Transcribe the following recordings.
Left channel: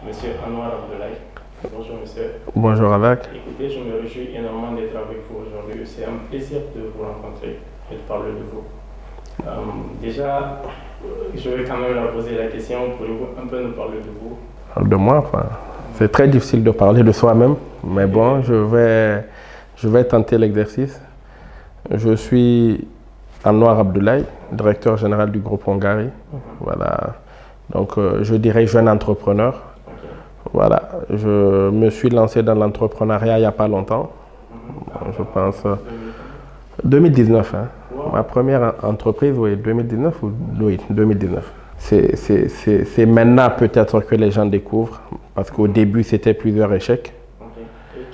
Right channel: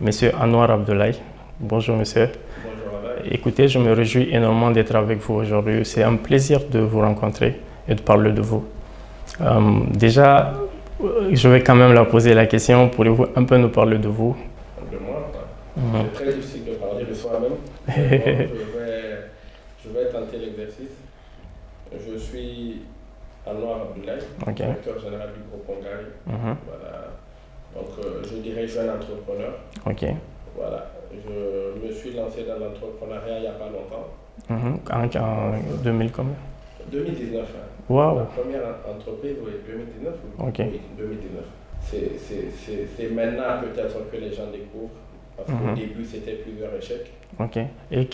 Monsieur Anouar Abdoulaye. Bonjour monsieur. Bonjour Avec. Écoutez, je me réjouis énormément d'être avec vous aujourd'hui. C'est un plaisir de vous rencontrer et de parler de vous. Déjà, je vais quand même la poser la question. Pourriez-vous un peu nous parler de vous? De moi, enfin, c'est très difficile de parler de soi-même, mais bon, je vais tenter l'exercice. Je suis Anouar Abdoulaye, directeur général du groupe Hongari. Voilà. Donc, je dirais jeune entrepreneur. Voilà. Je me suis lancé dans l'entrepreneuriat il n'y a pas longtemps. Je pense. 2000 combien? 2019. Hein. Wow. Ma première entreprise, oui, 2019 ou oui, 2019. C'est maintenant peut-être que les gens découvrent, parce qu'au début, c'était plusieurs échecs. Ok.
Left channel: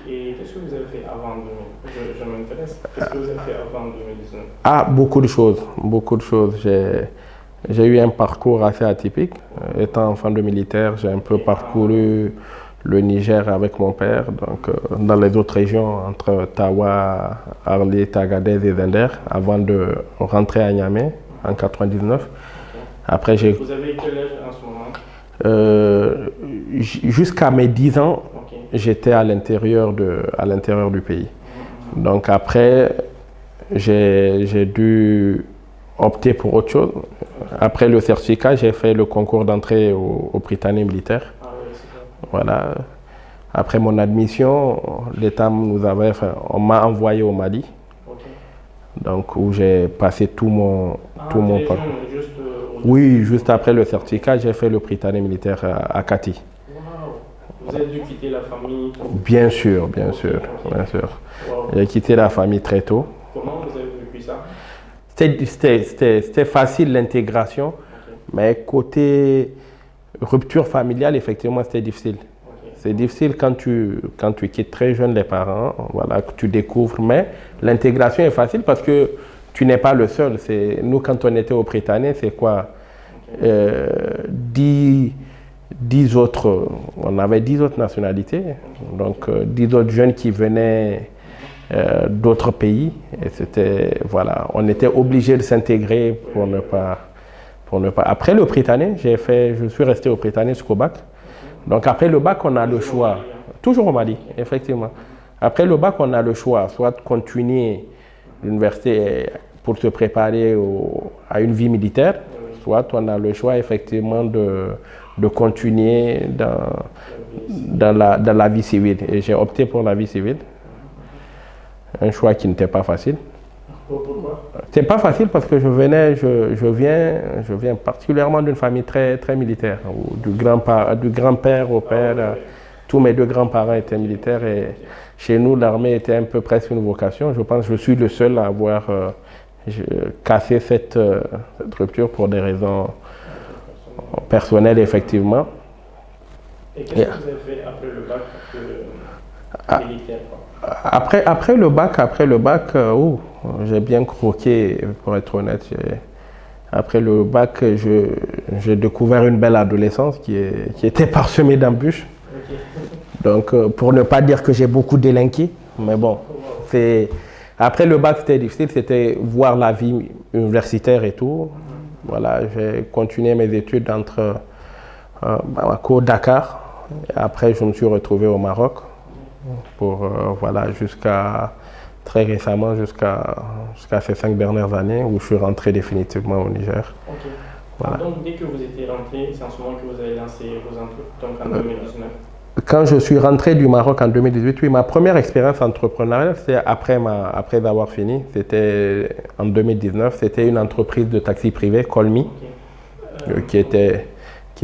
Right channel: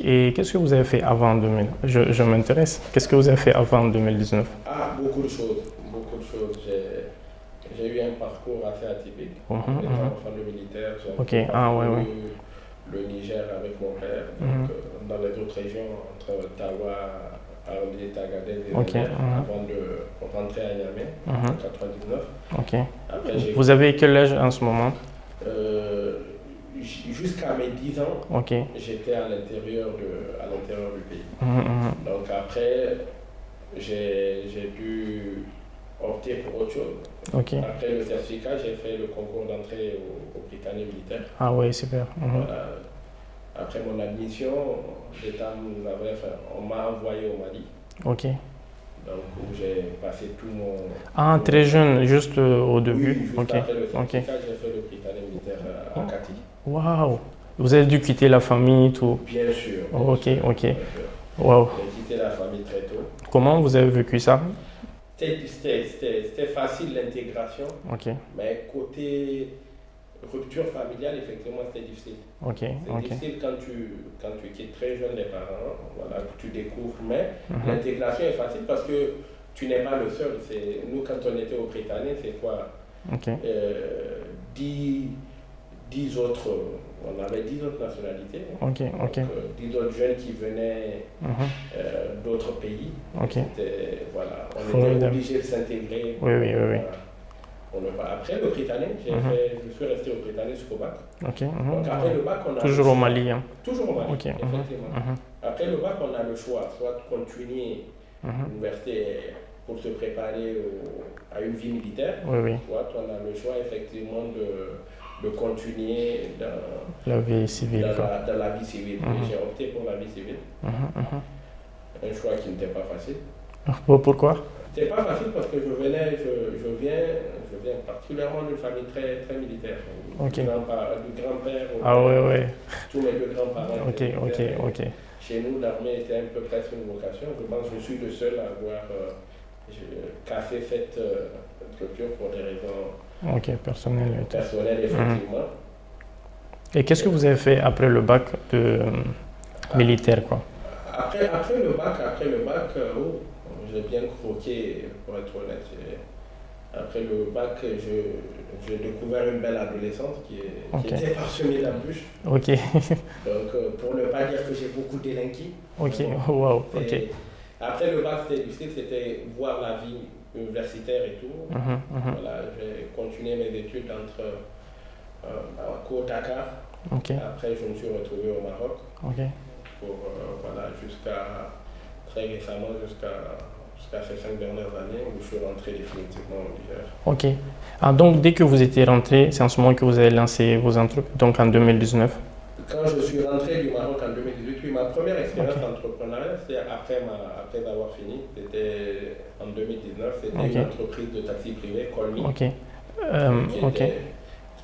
Et qu'est-ce que vous avez fait avant 2000? Je m'intéresse. Qu'est-ce que vous avez fait avant 2019? Ah, beaucoup de choses. Beaucoup de choses. J'ai eu un parcours assez atypique. Étant enfant de militaire, j'ai un peu parcouru le Niger avec mon père, donc dans les autres régions, entre Tawa, Arlit, Agadez et Zender, avant de rentrer à Niamey en 99. Après, vous avez quel âge en ce moment? Jusqu'à mes 10 ans, j'étais à l'intérieur du pays. Donc après, j'ai dû opter pour autre chose. Après le certificat, j'ai fait le concours d'entrée au Britannique militaire. Ah oui, super. Voilà. Après mon admission, l'État on m'a envoyé au Mali. Donc où j'ai passé tout mon... très jeune, juste au début? Oui, juste après le certificat, j'ai fait le Britannique militaire à Kati. Waouh! Vous avez dû quitter la famille, tout? Bien sûr, bien sûr. Wow. J'ai quitté la famille très tôt. Comment vous avez vécu ça? C'était facile l'intégration, mais côté rupture familiale, effectivement, c'était difficile. C'est difficile quand tu quittes très jeune les parents, voilà, que tu découvres, mais l'intégration est facile parce que tu n'es pas le seul. Nous, quand on était au Britannique, c'est quoi? 10 autres, on avait 10 autres nationalités, donc 10 autres jeunes qui venaient d'autres pays. Et c'était, voilà, on était obligé de s'intégrer pour ne pas. Après le Britannique, je suis resté au Britannique jusqu'au bac. Donc après le bac, on a le choix. Toujours au Mali. Toujours au Mali, effectivement. Après le bac, on a le choix, soit de continuer l'université pour se préparer à une vie militaire, soit on a le choix effectivement de continuer dans la vie civile. Et j'ai opté pour la vie civile. Un choix qui n'était pas facile. Pourquoi? C'est pas facile parce que je viens particulièrement d'une famille très, très militaire. Du grand-père au père. Tous mes deux grands-parents étaient militaires. Et chez nous, l'armée était un peu presque une vocation. Je pense que je suis le seul à avoir cassé cette rupture pour des raisons personnelles, effectivement. Et qu'est-ce que vous avez fait après le bac militaire, quoi? Après le bac, j'ai bien croqué, pour être honnête. Après le bac, j'ai découvert une belle adolescence qui était parsemée d'embûches. Donc, pour ne pas dire que j'ai beaucoup délinqué, mais bon, après le bac, c'était difficile, c'était voir la vie universitaire et tout. Voilà, j'ai continué mes études entre Bamako, Dakar. Après, je me suis retrouvé au Maroc pour, voilà, très récemment, jusqu'à ces 5 dernières années où je suis rentré définitivement au Niger. Voilà. Donc, dès que vous étiez rentré, c'est en ce moment que vous avez lancé vos entreprises, donc en 2019? Quand je suis rentré du Maroc en 2018, oui, ma première expérience entrepreneuriale, c'était après avoir fini. C'était en 2019. C'était une entreprise de taxi privé, Colmi, qui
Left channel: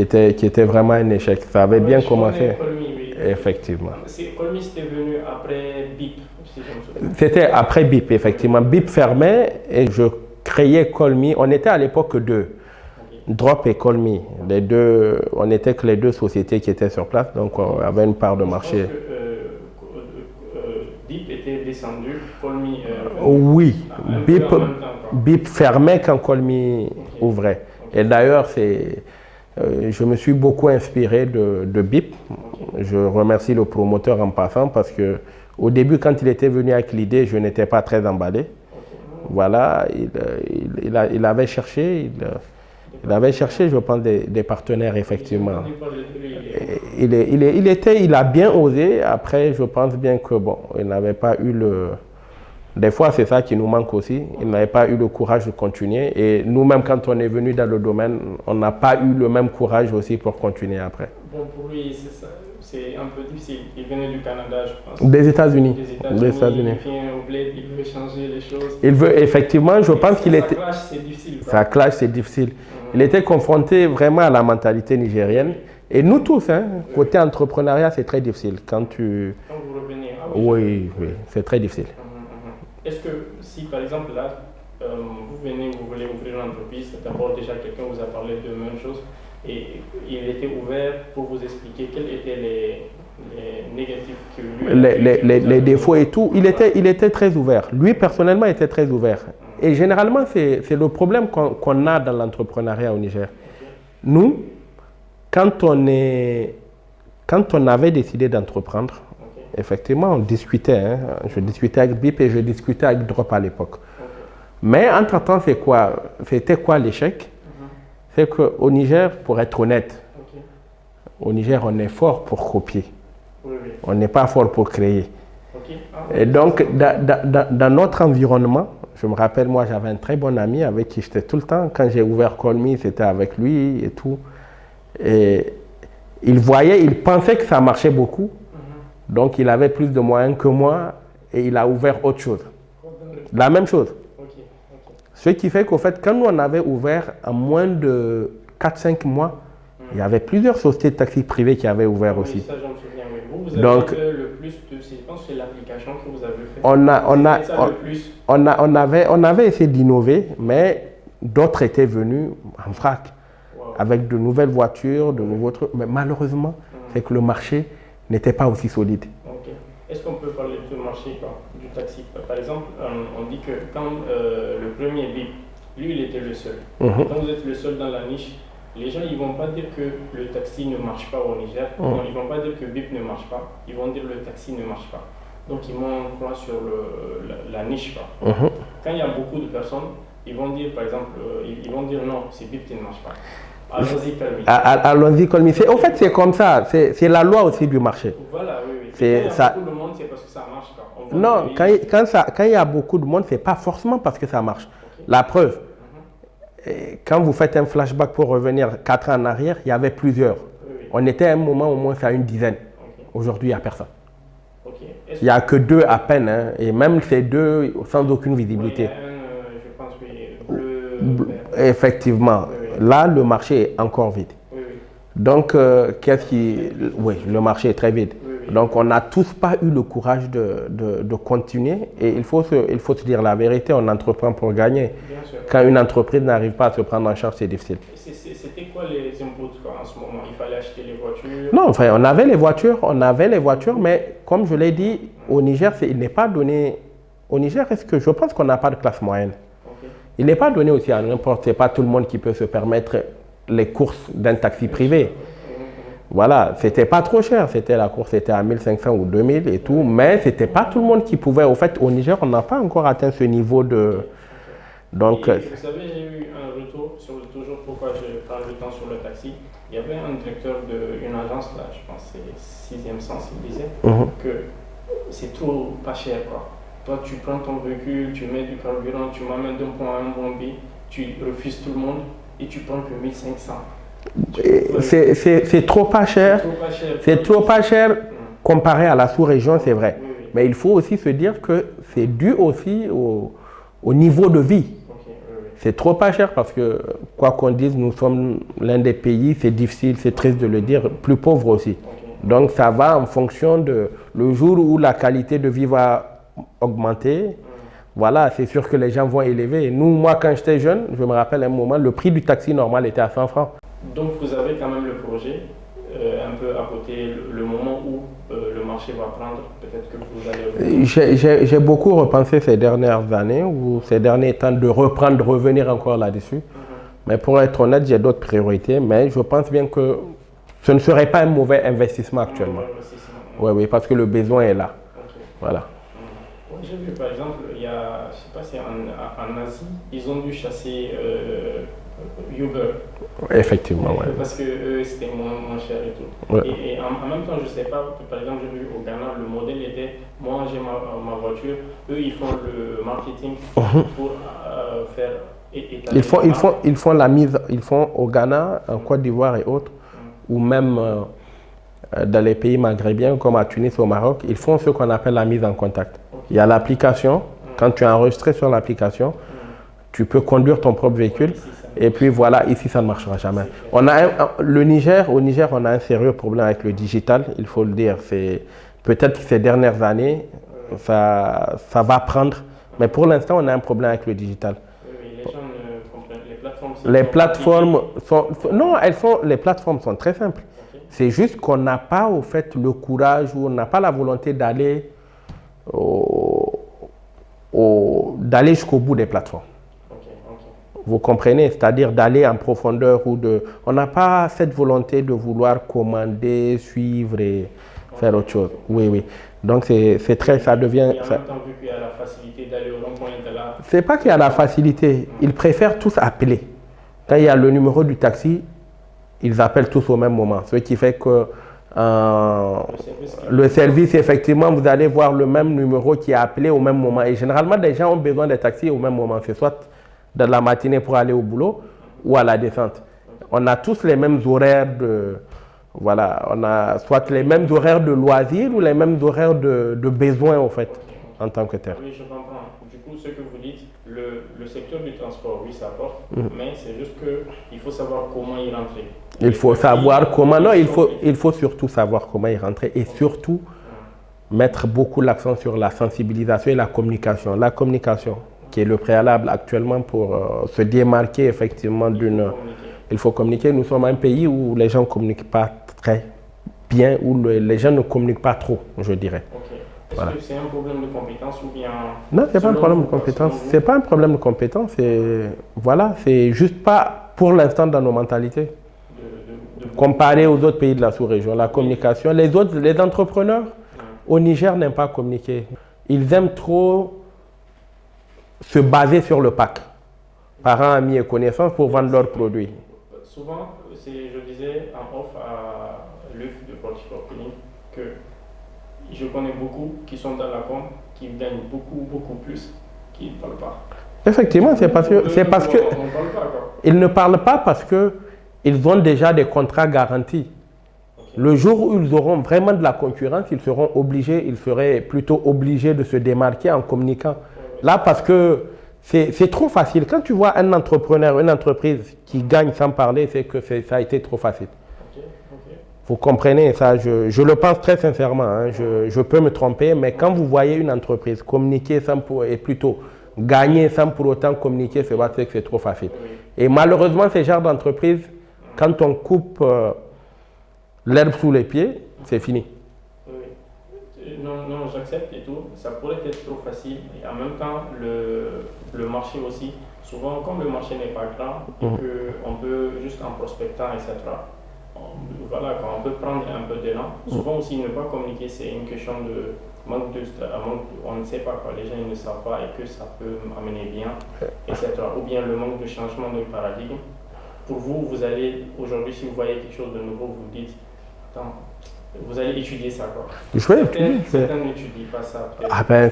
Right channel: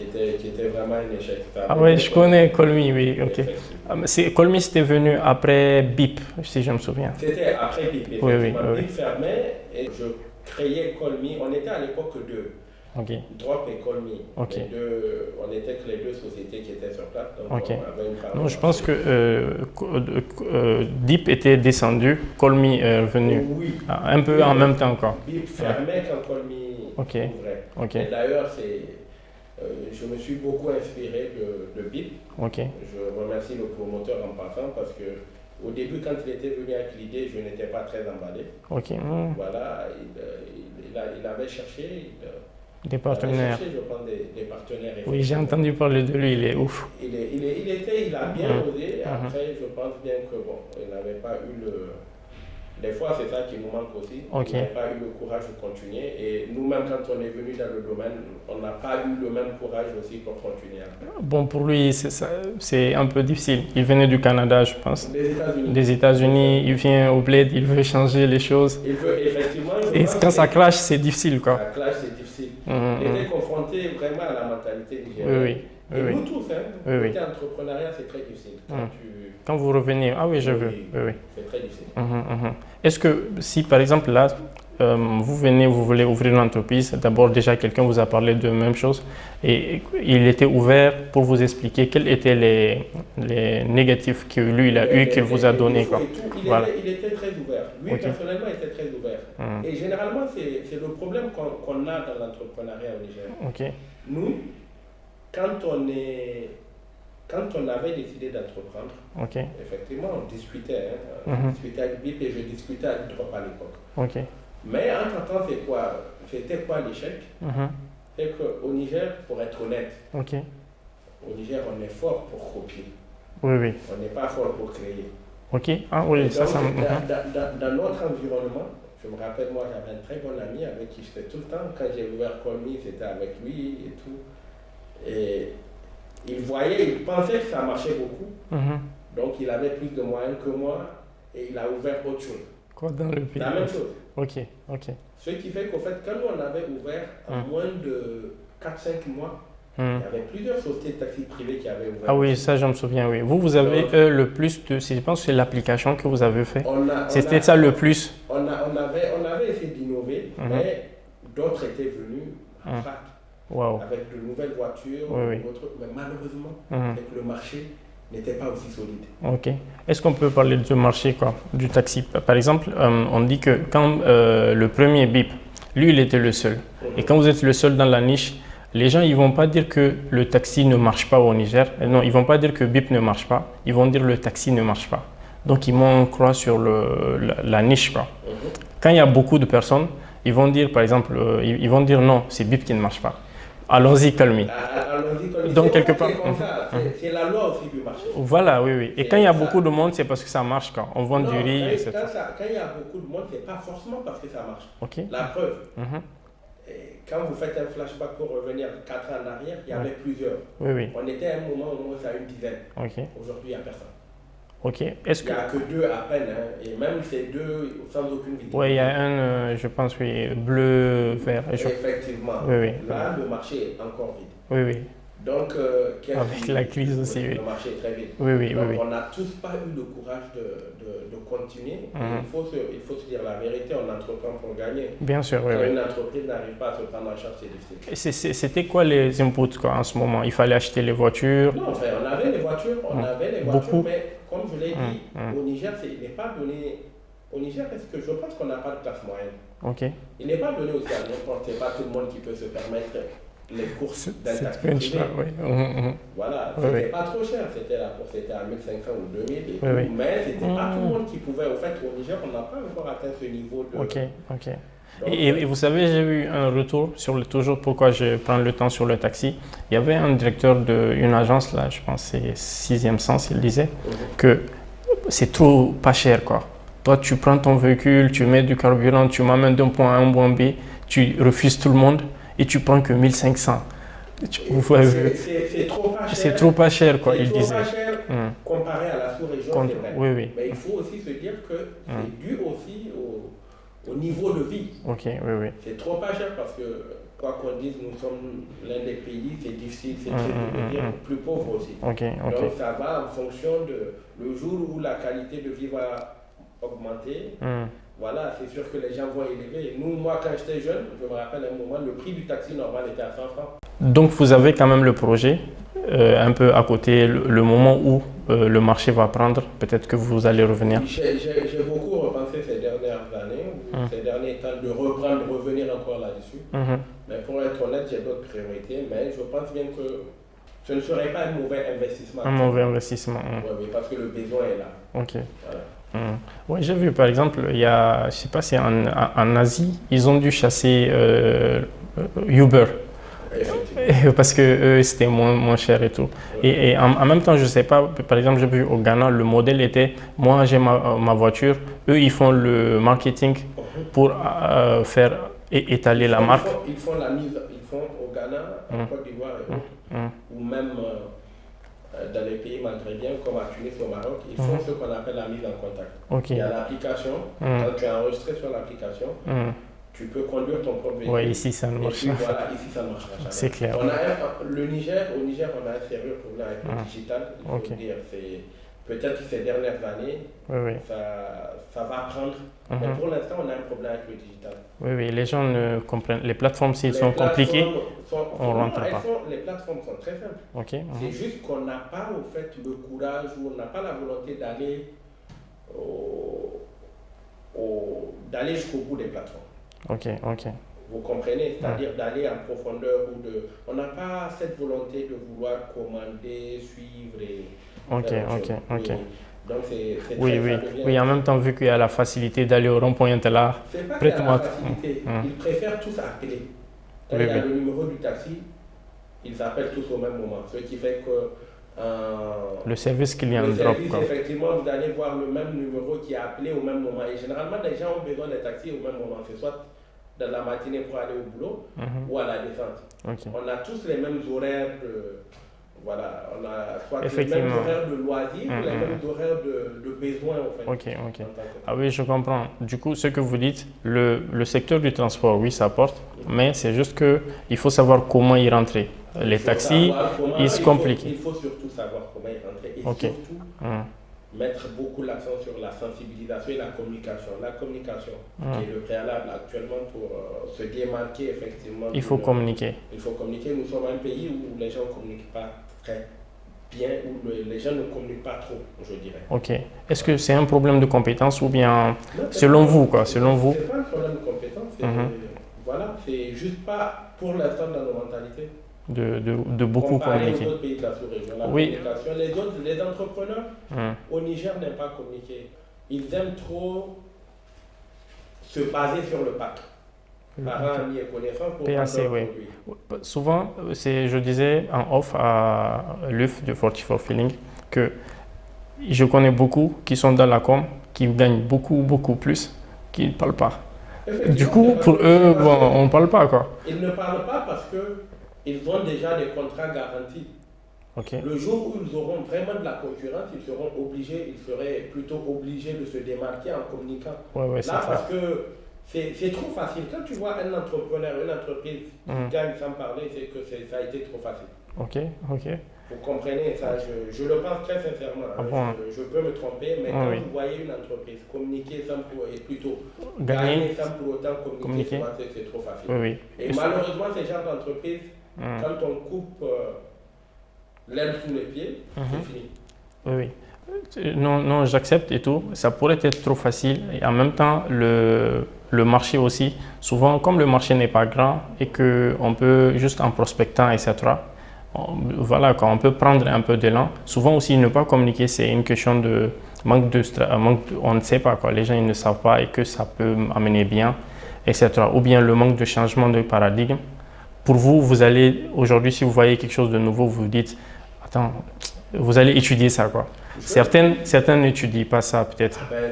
était vraiment un échec. Ça avait bien commencé. Je connais Colmi, oui. Effectivement. Colmi, c'était venu après BIP, si je me souviens. C'était après BIP, effectivement. BIP fermait et je créais Colmi. On était à l'époque deux. Drop et Colmi. Les deux, on n'était que les deux sociétés qui étaient sur place, donc on avait une part de marché. Je pense que BIP était descendu, Colmi est revenu. Oui. Un peu en même temps. BIP fermait quand Colmi ouvrait. Et d'ailleurs, je me suis beaucoup inspiré de BIP. Je remercie le promoteur en passant parce que au début, quand il était venu avec l'idée, je n'étais pas très emballé. Voilà, il avait cherché. Des Il avait partenaires. cherché, je pense, des partenaires, Oui, j'ai effectivement. entendu parler de lui, il est ouf. Il a bien osé. Après, je pense bien que, bon, il n'avait pas eu le... Des fois, c'est ça qui nous manque aussi. Ok. Il n'avait pas eu le courage de continuer. Et nous-mêmes, quand on est venu dans le domaine, on n'a pas eu le même courage aussi pour continuer après. Bon, pour lui, c'est un peu difficile. Il venait du Canada, je pense. Des États-Unis. Des États-Unis, il vient au bled, il veut changer les choses. Il veut, effectivement, je Et pense quand qu'il ça était... clash, c'est difficile, quoi. Ça clash, c'est difficile. Mhm. Il était confronté vraiment à la mentalité nigérienne. Oui, oui. Et nous tous, hein, Oui, côté entrepreneuriat, c'est très difficile. Quand Quand vous revenez, ah oui, Oui, je veux. oui, c'est très difficile. Est-ce que si, par exemple, là, vous venez, vous voulez ouvrir une entreprise, d'abord déjà quelqu'un vous a parlé de même chose et il était ouvert pour vous expliquer quels étaient les négatifs que lui, il a eu, qu'il vous a Les donné. défauts et tout, Voilà. il était très ouvert. Lui, personnellement, était très ouvert. Et généralement, c'est le problème qu'on a dans l'entrepreneuriat au Niger. Ok. Nous, quand on avait décidé d'entreprendre, Ok. effectivement, on discutait. Hein. Je discutais avec BIP et je discutais avec Drop à l'époque. Ok. Mais entre-temps, c'était quoi l'échec? C'est qu'au Niger, pour être honnête, Ok. au Niger, on est fort pour copier. Oui, oui. On n'est pas fort pour créer. Ok. Ah, oui, Et ça, donc, ça dans notre environnement, je me rappelle, moi, j'avais un très bon ami avec qui j'étais tout le temps. Quand j'ai ouvert Call Me, c'était avec lui et tout. Et il pensait que ça marchait beaucoup. Donc, il avait plus de moyens que moi et il a ouvert autre chose. Quoi dans le... La même chose. Ok. Ok. Ce qui fait qu'au fait, quand nous, on avait ouvert en moins de 4-5 mois, il y avait plusieurs sociétés de taxi privées qui avaient ouvert Ah oui, aussi. ça, je me souviens, oui. Vous avez Donc, le plus de... Je pense que c'est l'application que vous avez fait. C'était ça le plus. On avait essayé d'innover, mais d'autres étaient venus en vrac. Wow. Avec de nouvelles voitures, de Oui. nouveaux trucs. Mais malheureusement, c'est que le marché n'était pas aussi solide. Ok. Est-ce qu'on peut parler du marché, quoi, du taxi? Par exemple, on dit que quand le premier BIP, lui, il était le seul. Et quand vous êtes le seul dans la niche, les gens, ils ne vont pas dire que le taxi ne marche pas au Niger. Non, ils ne vont pas dire que BIP ne marche pas. Ils vont dire que le taxi ne marche pas. Donc, ils vont croire sur la niche, quoi. Quand il y a beaucoup de personnes, ils vont dire, par exemple, ils vont dire non, c'est BIP qui ne marche pas. Allons-y, calme. Allons-y, calme. Donc, En fait, quelque c'est part- comme ça. C'est la loi aussi du marché. Voilà, oui, oui. Et C'est quand il y a ça. beaucoup de monde, c'est parce que ça marche, quoi. On vend Non, du riz. c'est- quand il y a beaucoup de monde, ce n'est pas forcément parce que ça marche. Ok. La preuve, quand vous faites un flashback pour revenir 4 ans en arrière, il y avait plusieurs. Oui, oui. On était à un moment au moins à une dizaine. Ok. Aujourd'hui, il n'y a personne. Ok. Est-ce Il n'y a que 2 à peine. Hein, et même ces 2 sans aucune Oui, il visibilité. y a un, je pense, oui, bleu, vert. Effectivement. Oui, oui. Là, le marché est encore vide. Oui, oui. Donc, qu'est-ce Avec qui... la crise Oui, aussi, oui. le marché est très vide. Oui, oui, Donc, oui, on n'a tous pas eu le courage de continuer. Et il faut se dire la vérité, on entreprend pour gagner. Bien sûr. Oui, Quand oui. une entreprise n'arrive pas à se prendre en charge, c'est difficile. Et C'était quoi les inputs, quoi, en ce moment? Il fallait acheter les voitures. Non, enfin, on avait les voitures, Beaucoup. mais comme je l'ai dit, au Niger, il n'est pas donné... Au Niger, je pense qu'on n'a pas de classe moyenne. Ok. Il n'est pas donné aussi à n'importe... C'est pas tout le monde qui peut se permettre les courses d'un taxi privé. Oui. Voilà, c'était pas trop cher. La course était à 1500 ou 2000 et tout, oui. mais c'était pas tout le monde qui pouvait. Au fait, au Niger, on n'a pas encore atteint ce niveau de... Ok, ok. Donc, Et vous savez, j'ai eu un retour sur toujours pourquoi je prends le temps sur le taxi. Il y avait un directeur d'une agence, là, je pense que c'est 6e Sens, il disait que c'est trop pas cher, quoi. Toi, tu prends ton véhicule, tu mets du carburant, tu m'amènes d'un point A à un point B, tu refuses tout le monde et tu prends que 1500. c'est trop pas cher. C'est trop pas cher. quoi, C'est il trop disait. pas cher comparé à la sous-région, c'est vrai. Oui, oui. Mais il faut aussi se dire que c'est dû aussi au niveau de vie. Ok, oui, oui. C'est trop pas cher parce que, quoi qu'on dise, nous sommes l'un des pays, c'est difficile, c'est triste de le dire, plus pauvre aussi. Ok, Donc ça va en fonction de le jour où la qualité de vie va augmenter. Voilà, c'est sûr que les gens vont élever. Nous, moi, quand j'étais jeune, je me rappelle un moment, le prix du taxi normal était à 100 francs. Donc, vous avez quand même le projet un peu à côté, le moment où le marché va prendre, peut-être que vous allez revenir. J'ai beaucoup repensé ces dernières années ou ces derniers temps de reprendre, de revenir encore là-dessus. Mais pour être honnête, j'ai d'autres priorités. Mais je pense bien que ce ne serait pas un mauvais investissement. Un mauvais investissement. Oui, oui, parce que le besoin est là. Ok. Voilà. Oui, j'ai vu par exemple, il y a, je sais pas, c'est en Asie, ils ont dû chasser Uber. Effectivement. Ouais. Parce que eux, c'était moins cher et tout. Ouais. Et en même temps, je sais pas, par exemple, j'ai vu au Ghana, le modèle était, moi j'ai ma voiture, eux ils font le marketing pour faire étaler la marque. Ils font la mise, ils font au Ghana, en Côte d'Ivoire et autres, ou même dans les pays maghrébiens comme à Tunis ou au Maroc, ils font ce qu'on appelle la mise en contact. Ok. Il y a l'application, quand tu es enregistré sur l'application, tu peux conduire ton propre véhicule. Ouais, ici, ça ne Et marche puis pas. voilà, ici ça ne marchera jamais. C'est clair. On a au Niger, on a un sérieux problème avec le digital, il faut le dire. Peut-être que ces dernières années, Oui. ça va prendre. Mais pour l'instant, on a un problème avec le digital. Oui, les gens ne comprennent. Les plateformes, s'ils Les sont plateformes sont, on non, rentre les plateformes sont très simples. compliquées. Ok. C'est juste qu'on n'a pas au fait le courage ou on n'a pas la volonté d'aller d'aller jusqu'au bout des plateformes. Ok. Vous comprenez? C'est-à-dire d'aller en profondeur on n'a pas cette volonté de vouloir commander, suivre et faire autre chose. Oui. Donc c'est très, ça devient. Oui, en même temps, vu qu'il y a la facilité d'aller au rond-point là. C'est pas qu'il y a la facilité. Ils préfèrent tous appeler. Quand il y a le numéro du taxi, ils appellent tous au même moment. Ce qui fait que le service, effectivement, vous allez voir le même numéro qui est appelé au même moment. Et généralement, les gens ont besoin des taxis au même moment. C'est soit dans la matinée pour aller au boulot ou à la descente. On a tous les mêmes horaires voilà, on a soit les mêmes horaires de loisirs ou les mêmes horaires de besoins en fait, en tant que tel. Ah oui, je comprends. Du coup, ce que vous dites, le secteur du transport, oui, ça porte, mais c'est juste qu'il faut savoir comment y rentrer. Il faut savoir comment, il faut surtout savoir comment y rentrer et surtout mettre beaucoup l'accent sur la sensibilisation et la communication. La communication, qui est le préalable actuellement pour se démarquer effectivement d'une... Il faut communiquer. Il faut communiquer. Nous sommes un pays où les gens ne communiquent pas très bien, où les gens ne communiquent pas trop, je dirais. Ok. Est-ce que c'est un problème de compétence ou bien non, selon vous, quoi, selon vous? C'est pas un problème de compétence. Voilà, c'est juste pas pour l'instant dans nos mentalités. Comparé aux autres pays de la sous-région, la communication. Les entrepreneurs au Niger n'aiment pas communiquer. Ils aiment trop se baser sur le pack. Parents, amis et connaissances pour vendre leurs produits. Souvent, je disais en off à l'UF de 44 Feeling que je connais beaucoup qui sont dans la com, qui gagnent beaucoup plus, qui ne parlent pas. Effectivement, c'est parce que on ne parle pas, quoi. Ils ne parlent pas parce qu'ils ont déjà des contrats garantis. Le jour où ils auront vraiment de la concurrence, ils seraient plutôt obligés de se démarquer en communiquant. Là, parce que c'est trop facile. Quand tu vois un entrepreneur, une entreprise qui gagne sans parler, c'est que ça a été trop facile. Vous comprenez ça, je le pense très sincèrement. Hein. Je peux me tromper, mais quand vous voyez une entreprise communiquer et plutôt gagner sans pour autant communiquer, c'est parce que c'est trop facile. Et malheureusement, ces genres d'entreprises, quand on coupe l'herbe sous les pieds, c'est fini. Non, j'accepte et tout. Ça pourrait être trop facile. Et en même temps, le marché aussi, souvent, comme le marché n'est pas grand et qu'on peut juste en prospectant, etc., voilà, quand on peut prendre un peu d'élan. Souvent aussi, ne pas communiquer, c'est une question de manque on ne sait pas, quoi. Les gens ils ne savent pas et que ça peut amener bien, etc. Ou bien le manque de changement de paradigme. Pour vous, vous allez, aujourd'hui, si vous voyez quelque chose de nouveau, vous dites, attends, vous allez étudier ça, quoi. Certains n'étudient pas ça, peut-être. Ah ben,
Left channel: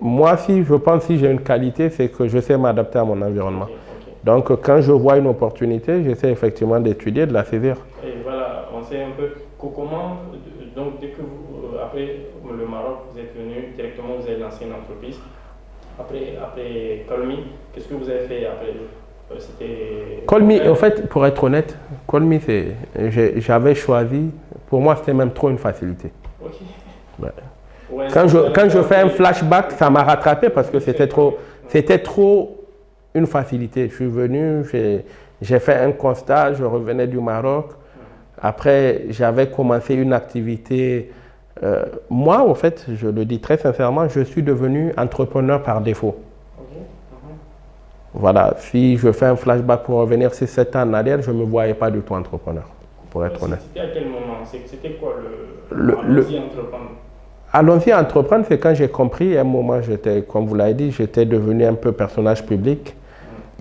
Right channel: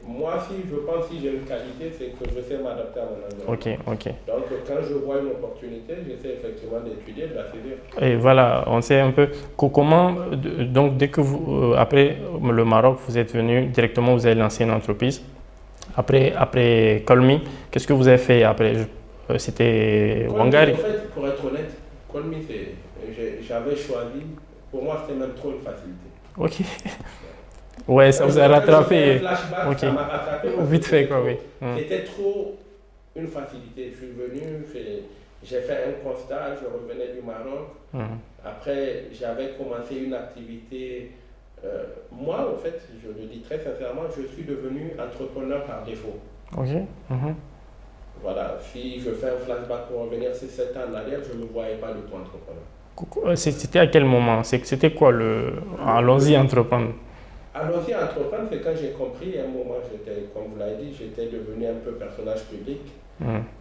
moi, je pense si j'ai une qualité, c'est que je sais m'adapter à mon environnement. Donc, quand je vois une opportunité, j'essaie effectivement d'étudier, de la saisir. Et voilà, on sait un peu comment, donc dès que vous, après le Maroc, vous êtes venu, directement, vous avez lancé une entreprise. Après Colmi, qu'est-ce que vous avez fait après? C'était Colmi, en fait, pour être honnête, Colmi, j'avais choisi, pour moi, c'était même trop une facilité. Quand je fais un flashback, ça m'a rattrapé parce que c'était trop une facilité. Je suis venu, j'ai fait un constat, je revenais du Maroc. Après, j'avais commencé une activité. Moi, en fait, je le dis très sincèrement, je suis devenu entrepreneur par défaut. Voilà, si je fais un flashback pour revenir 6-7 ans en arrière, je ne me voyais pas du tout entrepreneur. C'était à quel moment? C'était quoi allons-y entreprendre? Allons-y entreprendre, c'est quand j'ai compris, à un moment, comme vous l'avez dit, j'étais devenu un peu personnage public.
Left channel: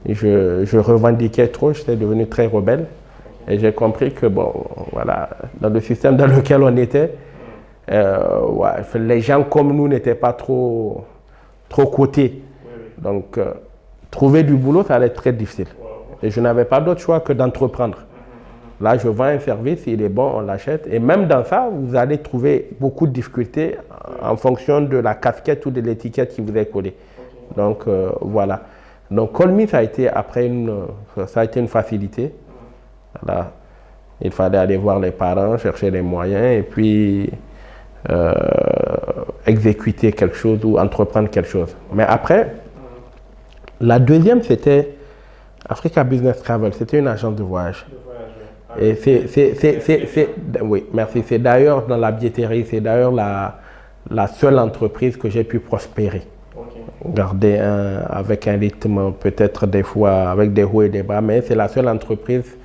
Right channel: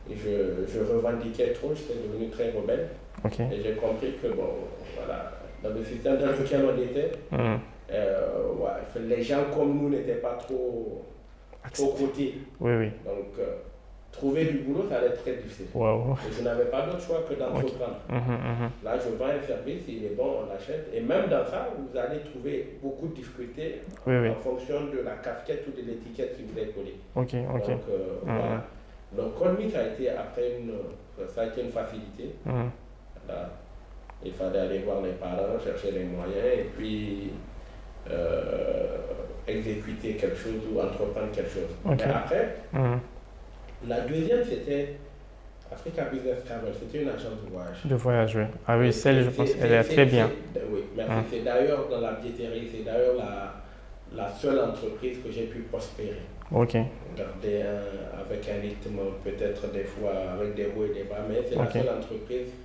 Et je revendiquais trop, j'étais devenu très rebelle. Ok. Et j'ai compris que, bon, voilà, dans le système dans lequel on était, les gens comme nous n'étaient pas trop cotés. Oui, oui. Donc, trouver du boulot, ça allait être très difficile. Wow. Et je n'avais pas d'autre choix que d'entreprendre. Là, je vends un service, il est bon, on l'achète. Et même dans ça, vous allez trouver beaucoup de difficultés en fonction de la casquette ou de l'étiquette qui vous est collée. Ok. Donc, voilà. Donc, Call Me, ça a été une facilité. Voilà. Il fallait aller voir les parents, chercher les moyens et puis exécuter quelque chose ou entreprendre quelque chose. Mais après, la deuxième, c'était Africa Business Travel. C'était une agence de voyage. De voyage, oui. Ah, Et oui, oui, merci. C'est d'ailleurs dans la billetterie, c'est d'ailleurs la seule entreprise que j'ai pu prospérer. Ok. Garder avec un rythme peut-être des fois avec des hauts et des bas, mais c'est la seule entreprise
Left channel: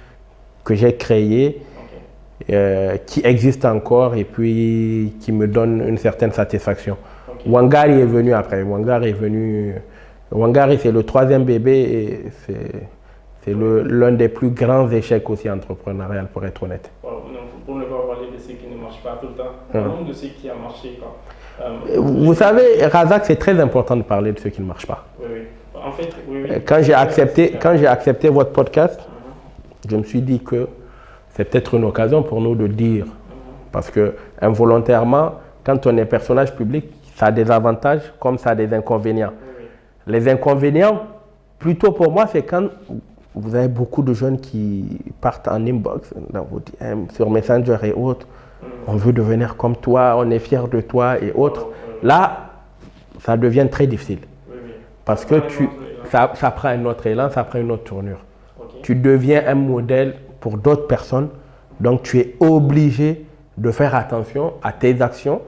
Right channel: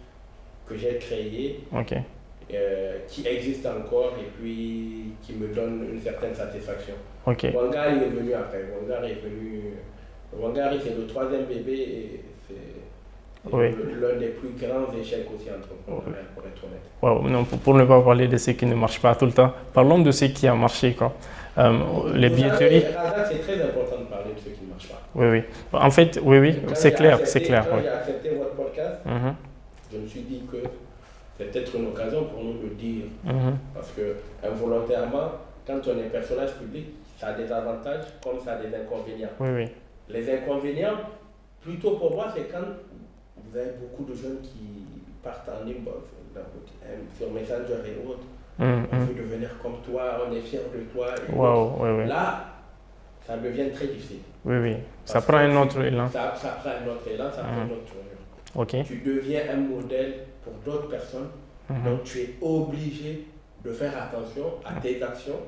que j'ai créée qui existe encore et puis qui me donne une certaine satisfaction. Wangari est venu après. Wangari, c'est le troisième bébé et c'est l'un des plus grands échecs aussi entrepreneurial, pour être honnête. Non, pour ne pas parler de ce qui ne marche pas tout le temps, parlons de ce qui a marché, quoi. Vous savez, Razak, c'est très important de parler de ce qui ne marche pas. Oui. En fait, oui. Quand j'ai accepté votre podcast, je me suis dit que c'est peut-être une occasion pour nous de dire, parce que involontairement, quand on est personnage public, ça a des avantages comme ça a des inconvénients. Oui. Les inconvénients, plutôt pour moi, c'est quand vous avez beaucoup de jeunes qui partent en inbox, sur Messenger et autres. On veut devenir comme toi, on est fier de toi et autres. Là, ça devient très difficile. Oui. Parce ça prend un autre élan. Ça prend un autre élan, ça prend une autre tournure. Tu deviens un modèle pour d'autres personnes, donc tu es obligé de faire attention à tes actions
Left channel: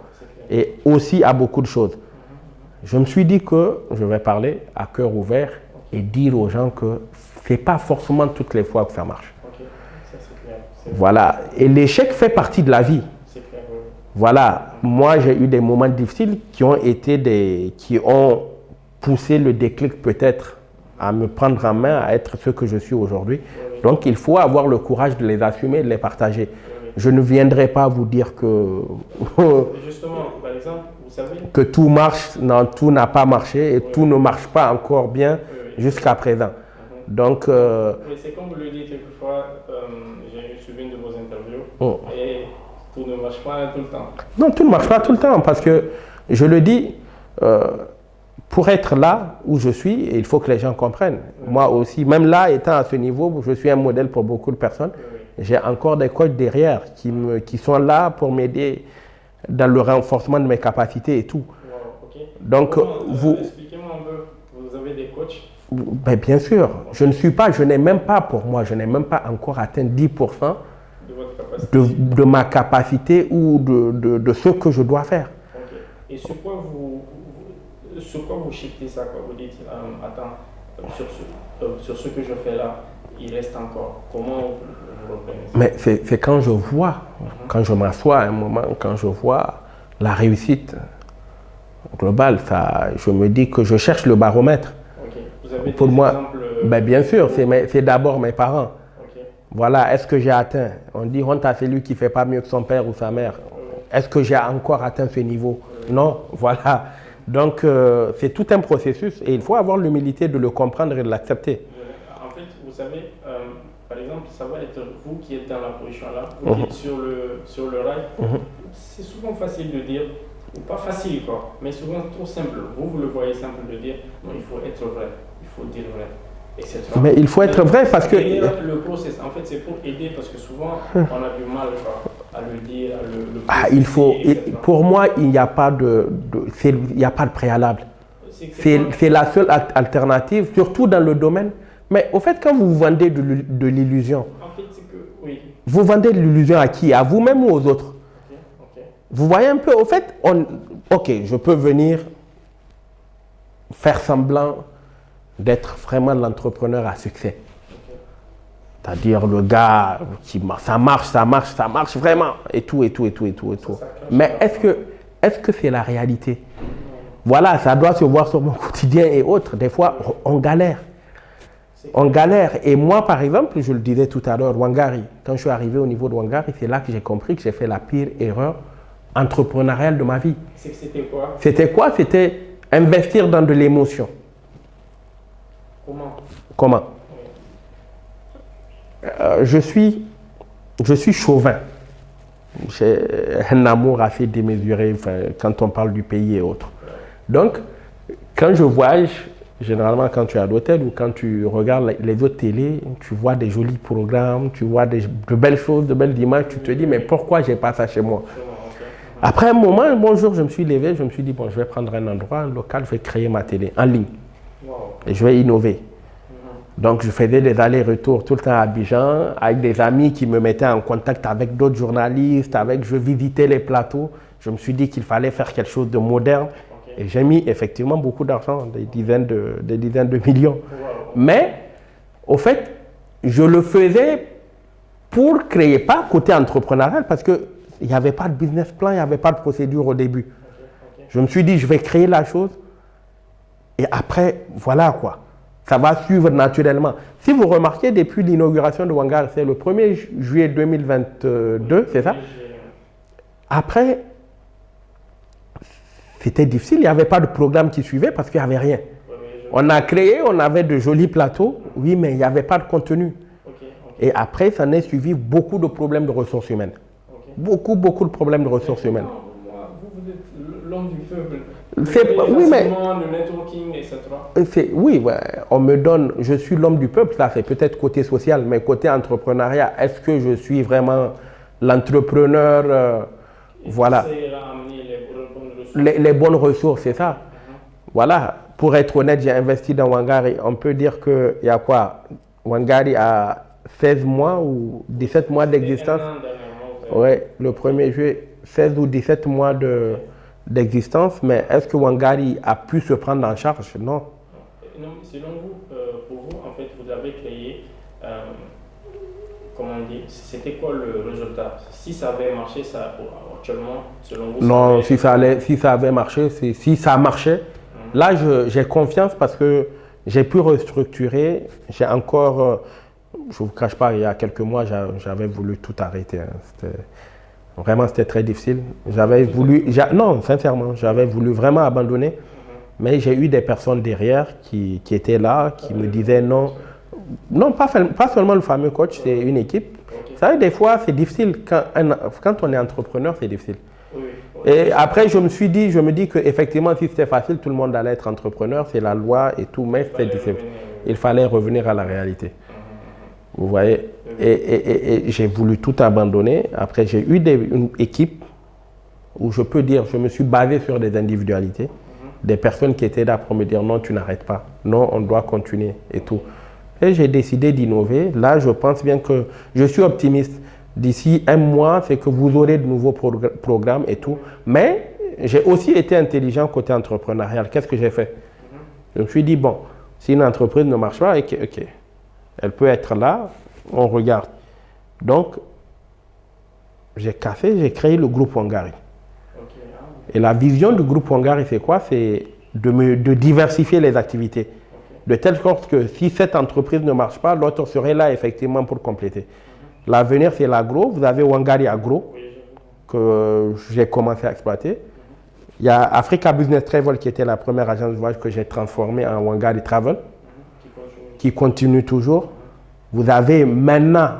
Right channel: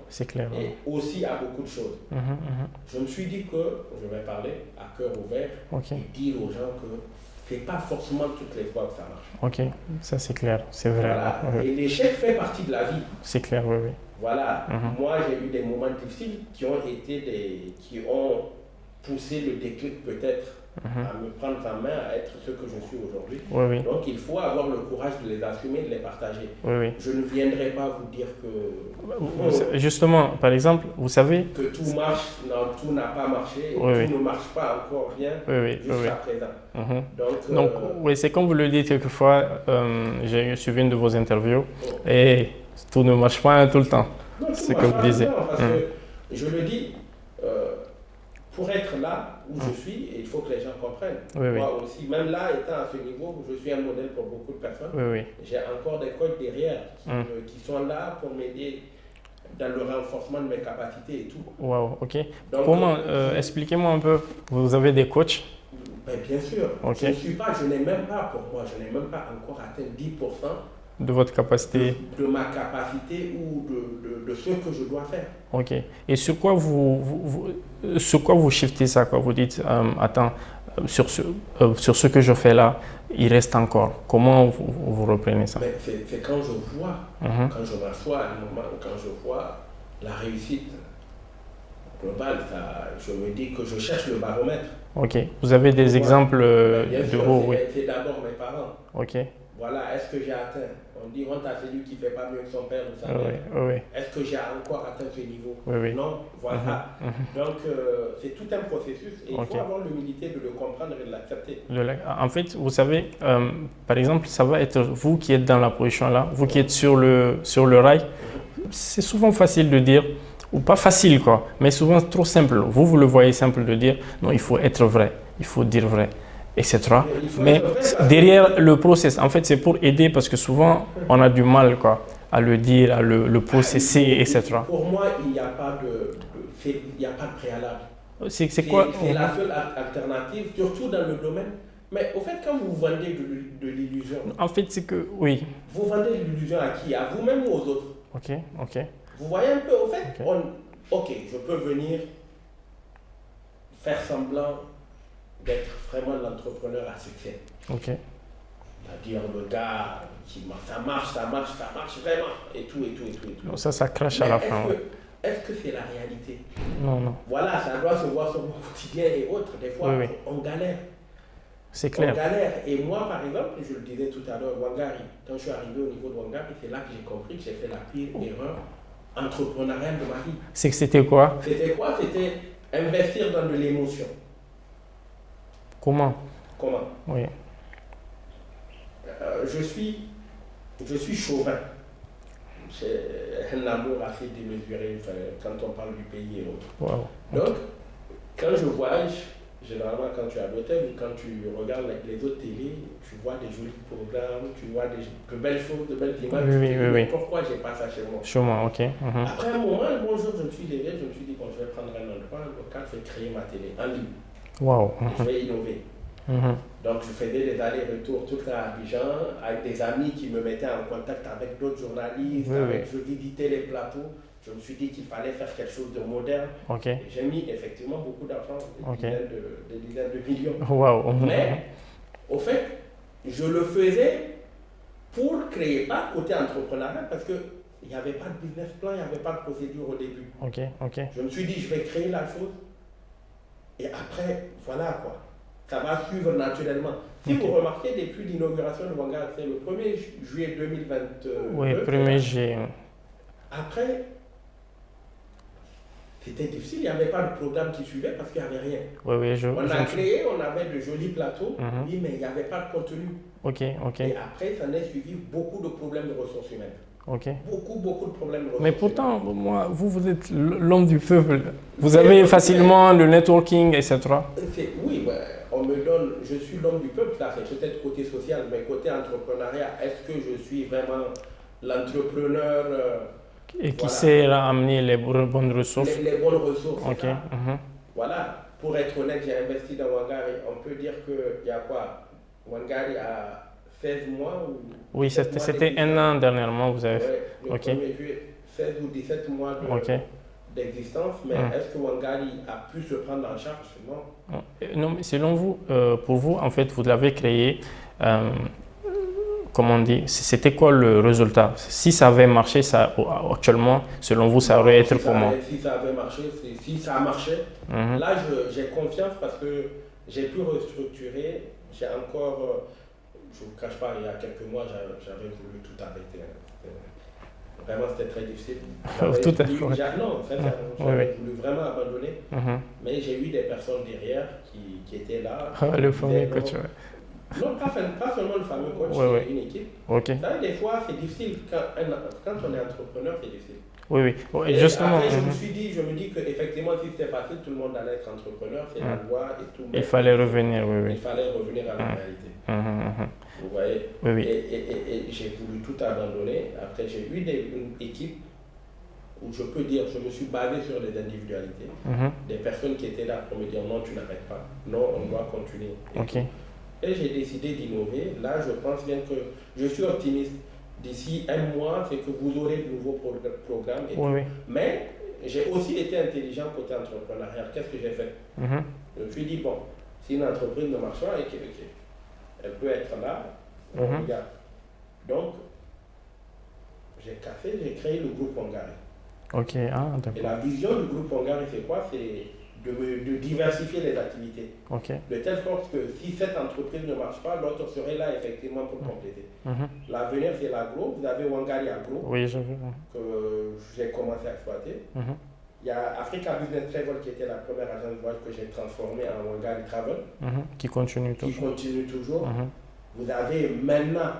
et aussi à beaucoup de choses. Je me suis dit que je vais parler à cœur ouvert et dire aux gens que ce n'est pas forcément toutes les fois que ça marche. Ok, ça c'est clair. Voilà, et l'échec fait partie de la vie. C'est clair, oui. Voilà, moi j'ai eu des moments difficiles qui ont poussé le déclic peut-être à me prendre en main, à être ce que je suis aujourd'hui. Donc il faut avoir le courage de les assumer, de les partager. Je ne viendrai pas vous dire que... Justement, par exemple, vous savez... Que tout marche, non, tout n'a pas marché et tout ne marche pas encore bien jusqu'à présent. Donc, c'est comme vous le dites quelquefois, j'ai suivi une de vos interviews et tout ne marche pas tout le temps. Non, tout ne marche pas tout le temps parce que, je le dis, pour être là où je suis, il faut que les gens comprennent. Moi aussi, même là, étant à ce niveau, je suis un modèle pour beaucoup de personnes. J'ai encore des coachs derrière qui sont là pour m'aider dans le renforcement de mes capacités et tout. Donc, expliquez-moi un peu, vous avez des coachs? Bien sûr, je n'ai même pas encore atteint 10% de votre capacité, de ma capacité ou de ce que je dois faire. Et sur quoi vous shiftez ça, quoi? Vous dites, attends, sur ce que je fais là, il reste encore. Comment vous reprenez ça? Mais c'est quand je vois, quand je m'assois à un moment, quand je vois la réussite globale, je me dis que je cherche le baromètre. Vous avez des exemples? Bien sûr, c'est d'abord mes parents. Voilà, est-ce que j'ai atteint? On dit honte à celui qui ne fait pas mieux que son père ou sa mère. Est-ce que j'ai encore atteint ce niveau? Non, voilà. Donc, c'est tout un processus et il faut avoir l'humilité de le comprendre et de l'accepter. En fait, vous savez, par exemple, ça va être vous qui êtes dans la position là, vous qui êtes sur le rail. C'est souvent facile de dire, ou pas facile quoi, mais souvent trop simple. Vous le voyez simple de dire, non, il faut être vrai, il faut dire vrai. Etc. Mais il faut être vrai parce que... Derrière le process, en fait, c'est pour aider parce que souvent, on a du mal à le dire, à le processer, etc. Pour moi, il n'y a pas de préalable. C'est la seule alternative, surtout dans le domaine. Mais au fait, quand vous vendez de l'illusion... En fait, c'est que, oui. Vous vendez de l'illusion à qui? À vous-même ou aux autres? Vous voyez un peu, au fait, je peux venir faire semblant d'être vraiment l'entrepreneur à succès. C'est-à-dire le gars qui ça marche vraiment et tout. Ça crache. Mais est-ce que c'est la réalité? Non. Voilà, ça doit se voir sur mon quotidien et autres. Des fois, on galère. C'est On clair. galère. Et moi, par exemple, je le disais tout à l'heure, Wangari, quand je suis arrivé au niveau de Wangari, c'est là que j'ai compris que j'ai fait la pire erreur entrepreneuriale de ma vie. C'est que c'était quoi? C'était quoi? C'était investir dans de l'émotion. Comment? Comment? Oui. Je suis chauvin. J'ai un amour assez démesuré quand on parle du pays et autres. Wow. Donc, quand je voyage, généralement quand tu es à l'hôtel ou quand tu regardes les autres télés, tu vois des jolis programmes, tu vois de belles choses, de belles images, Oui, tu oui, te dis, oui, mais oui. pourquoi j'ai pas ça chez moi? Chez moi, ok. Mhm. Après un moment, un bon jour, je me suis levé, je me suis dit, bon, je vais prendre un endroit, un local, je vais créer ma télé en ligne Wow. et je vais innover. Mhm. Donc, je faisais des allers-retours tout le temps à Abidjan avec des amis qui me mettaient en contact avec d'autres journalistes, je visitais les plateaux. Je me suis dit qu'il fallait faire quelque chose de moderne. Ok. Et j'ai mis effectivement beaucoup d'argent, des dizaines de millions. Wow. Mais, au fait, je le faisais pour créer, pas côté entrepreneurial, parce qu'il n'y avait pas de business plan, il n'y avait pas de procédure au début. Ok, ok. Je me suis dit, je vais créer la chose. Et après, voilà quoi. Ça va suivre naturellement. Si vous remarquez, depuis l'inauguration de Wangari, c'est le 1er juillet 2022, Oui, c'est ça? premier G. Après, c'était difficile. Il n'y avait pas de programme qui suivait parce qu'il n'y avait rien. Oui, oui, On a créé, on avait de jolis plateaux, oui, mais il n'y avait pas de contenu. Ok, ok. Et après, ça n'est suivi beaucoup de problèmes de ressources humaines. Ok. Beaucoup de problèmes de Mais ressources humaines. pourtant, moi, vous êtes l'homme du peuple. Vous C'est- avez oui, facilement le networking, etc. Oui, ouais, on me donne, je suis l'homme du peuple, ça c'est peut-être côté social, mais côté entrepreneuriat, est-ce que je suis vraiment l'entrepreneur Et voilà. qui sait amener les bonnes ressources. les bonnes ressources, c'est Ok, ça. mhm. Voilà, pour être honnête, j'ai investi dans Wangari. On peut dire qu'il y a quoi? Wangari a 16 mois ou Oui, 17 mois c'était d'existence. un an dernièrement, vous avez Oui, fait. le Ok. 1er juillet, 16 ou 17 mois Ok. d'existence. Mais est-ce que Wangari a pu se prendre en charge? Non. Non, mais selon vous, pour vous, en fait, vous l'avez créé, comment on dit, c'était quoi le résultat? Si ça avait marché, ça, actuellement, selon vous, ça Non, aurait été comment? si ça avait marché, si ça marchait, Mhm. là j'ai confiance parce que j'ai pu restructurer. J'ai encore, je ne vous cache pas, il y a quelques mois, j'avais voulu tout arrêter. Hein. C'était très difficile. J'avais Tout voulu, est- non, sincèrement, j'avais voulu vraiment abandonner. Mhm. Mais j'ai eu des personnes derrière qui étaient là, qui me Le disaient fameux non. coach, ouais. Non, pas seulement le fameux coach, Ouais, c'est ouais. une équipe. Ok. Vous savez, des fois, c'est difficile. Quand on est entrepreneur, c'est difficile. Oui, oui. Et Justement, après, je me dis qu'effectivement, si c'était facile, tout le monde allait être entrepreneur, c'est la loi et tout. Mais il fallait c'était difficile. revenir. Oui, oui. Il fallait revenir à la réalité. Mhm, mhm. Vous voyez? Oui, oui. Et j'ai voulu tout abandonner. Après, j'ai eu une équipe où je peux dire, je me suis basé sur des individualités, Mhm. des personnes qui étaient là pour me dire non, tu n'arrêtes pas. Non, on doit continuer et Ok. tout. Et j'ai décidé d'innover. Là, je pense bien que je suis optimiste. D'ici un mois, c'est que vous aurez de nouveaux programmes et tout. oui. Mais j'ai aussi été intelligent côté entrepreneurial. Qu'est-ce que j'ai fait? Mhm. Je me suis dit, bon, si une entreprise ne marche pas, ok, elle peut être là, on regarde. Donc, j'ai créé le groupe Wangari. Ok. Ah, d'accord. Et la vision du groupe Wangari, c'est quoi? C'est de diversifier les activités. Ok. De telle sorte que si cette entreprise ne marche pas, l'autre serait là effectivement pour compléter. Mhm. L'avenir, c'est l'agro. Vous avez Wangari Agro Oui, j'ai vu. que j'ai commencé à exploiter. Mhm. Il y a Africa Business Travel qui était la première agence de voyage que j'ai transformée en Wangari Travel, Mhm. Qui continue. qui continue toujours. Mhm. Vous avez maintenant,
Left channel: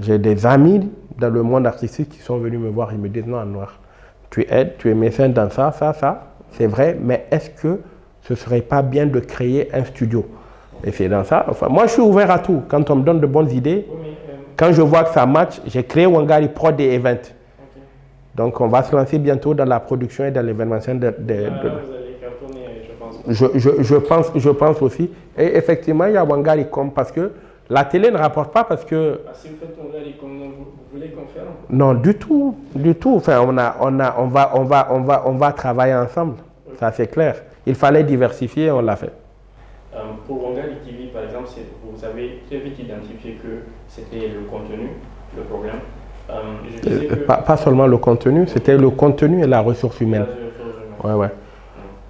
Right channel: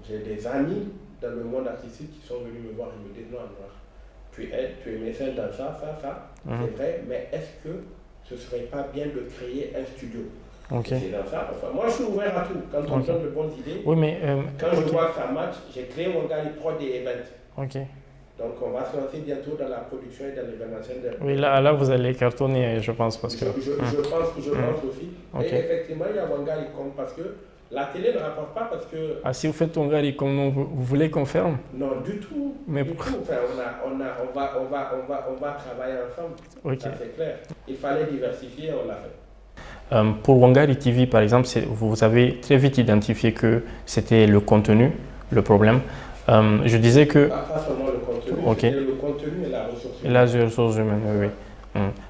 j'ai des amis dans le monde artistique qui sont venus me voir et me disent non, Anouar, tu aides, tu es mécène dans ça, c'est vrai, mais est-ce que ce ne serait pas bien de créer un studio? Ok. Et c'est dans ça. Enfin, moi, je suis ouvert à tout. Quand on me donne de bonnes idées, Oui, mais. quand je vois que ça match, j'ai créé Wangari Prod et Event. Ok. Donc, on va se lancer bientôt dans la production et dans l'événementiel. Mais là, vous allez cartonner, je pense. Parce que- Je pense aussi. Ok. Et effectivement, il y a Wangari Com parce que la télé ne rapporte pas parce que Ah, si vous faites ton gars, comment vous voulez qu'on ferme? non, du tout, Mais- du tout. Enfin, on va travailler ensemble. Ok. Ça c'est clair. Il fallait diversifier, on l'a fait. Pour Wangari TV, par exemple, vous avez très vite identifié que c'était le contenu, le problème. Je disais que Pas seulement le contenu, Ok. c'était le contenu et la ressource la humaine. ressource humaine. Ouais, ouais.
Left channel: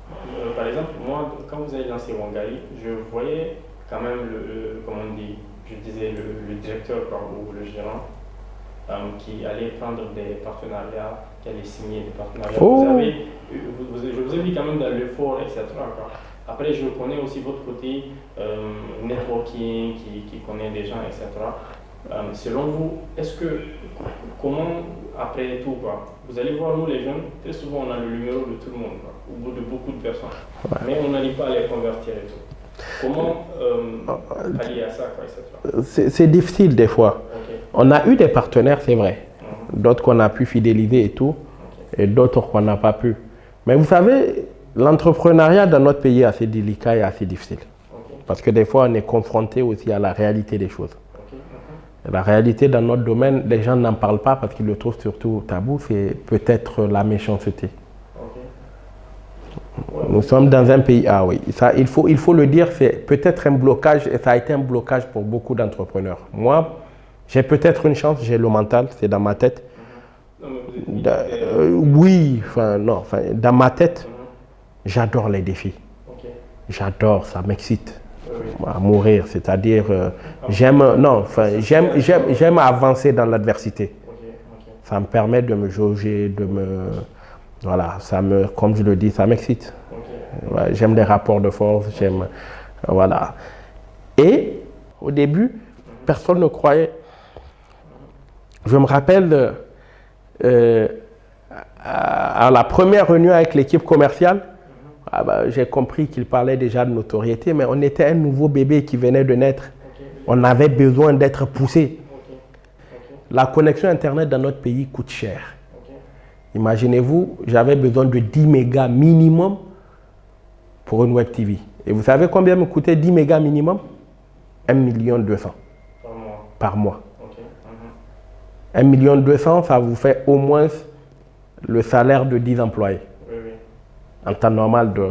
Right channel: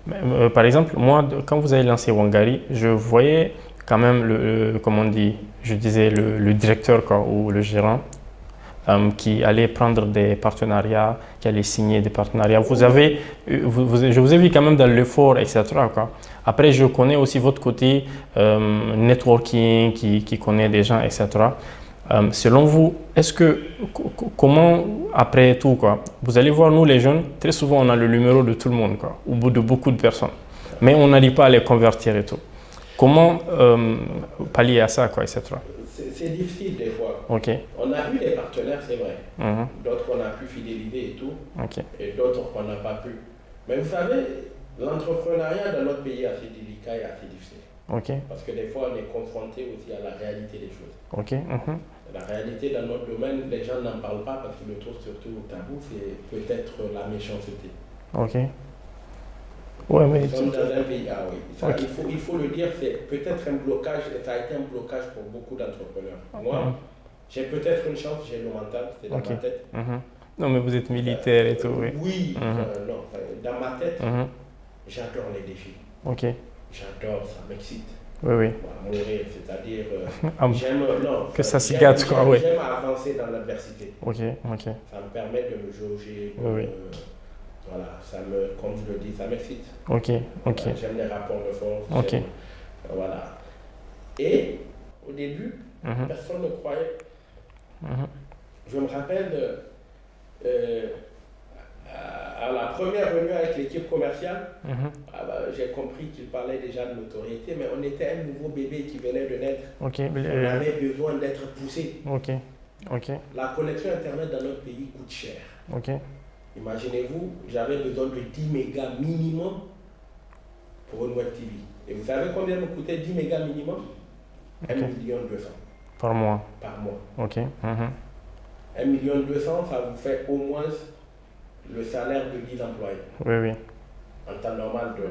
Mais, par exemple, moi, quand vous avez lancé Wangari, je voyais quand même, comment on dit, je disais le directeur quoi, ou le gérant qui allait prendre des partenariats, qui allait signer des partenariats. Oh. Je vous ai vu quand même dans l'effort, etc. quoi. Après, je connais aussi votre côté networking, qui connaît des gens, etc. Selon vous, comment, après tout, quoi, vous allez voir, nous les jeunes, très souvent on a le numéro de tout le monde, quoi, au bout de beaucoup de personnes, mais on n'arrive pas à les convertir et tout. Comment pallier à ça, quoi, etc. C'est difficile des fois. Okay. On a eu des partenaires, c'est vrai. D'autres qu'on a pu fidéliser et tout, et d'autres qu'on n'a pas pu. Mais vous savez, l'entrepreneuriat dans notre pays est assez délicat et assez difficile. Parce que des fois, on est confronté aussi à la réalité des choses. La réalité dans notre domaine, les gens n'en parlent pas parce qu'ils le trouvent surtout tabou, c'est peut-être la méchanceté. Nous sommes dans un pays, oui, ça, il faut le dire, c'est peut-être un blocage, et ça a été un blocage pour beaucoup d'entrepreneurs. Moi, j'ai peut-être une chance, j'ai le mental, c'est dans ma tête. Non, mais vous êtes militaire. Oui, dans ma tête, j'adore les défis. J'adore, ça m'excite. À mourir, c'est-à-dire j'aime avancer dans l'adversité. Ça me permet de me jauger, voilà, comme je le dis, ça m'excite. J'aime les rapports de force, voilà. Et au début, personne ne croyait. Je me rappelle à la première réunion avec l'équipe commerciale, j'ai compris qu'il parlait déjà de notoriété, mais on était un nouveau bébé qui venait de naître. On avait besoin d'être poussé. La connexion Internet dans notre pays coûte cher. Imaginez-vous, j'avais besoin de 10 mégas minimum pour une web TV. Et vous savez combien me coûtait 10 mégas minimum? 1,2 million. Par mois. 1,2 million, ça vous fait au moins le salaire de 10 employés. En temps normal, de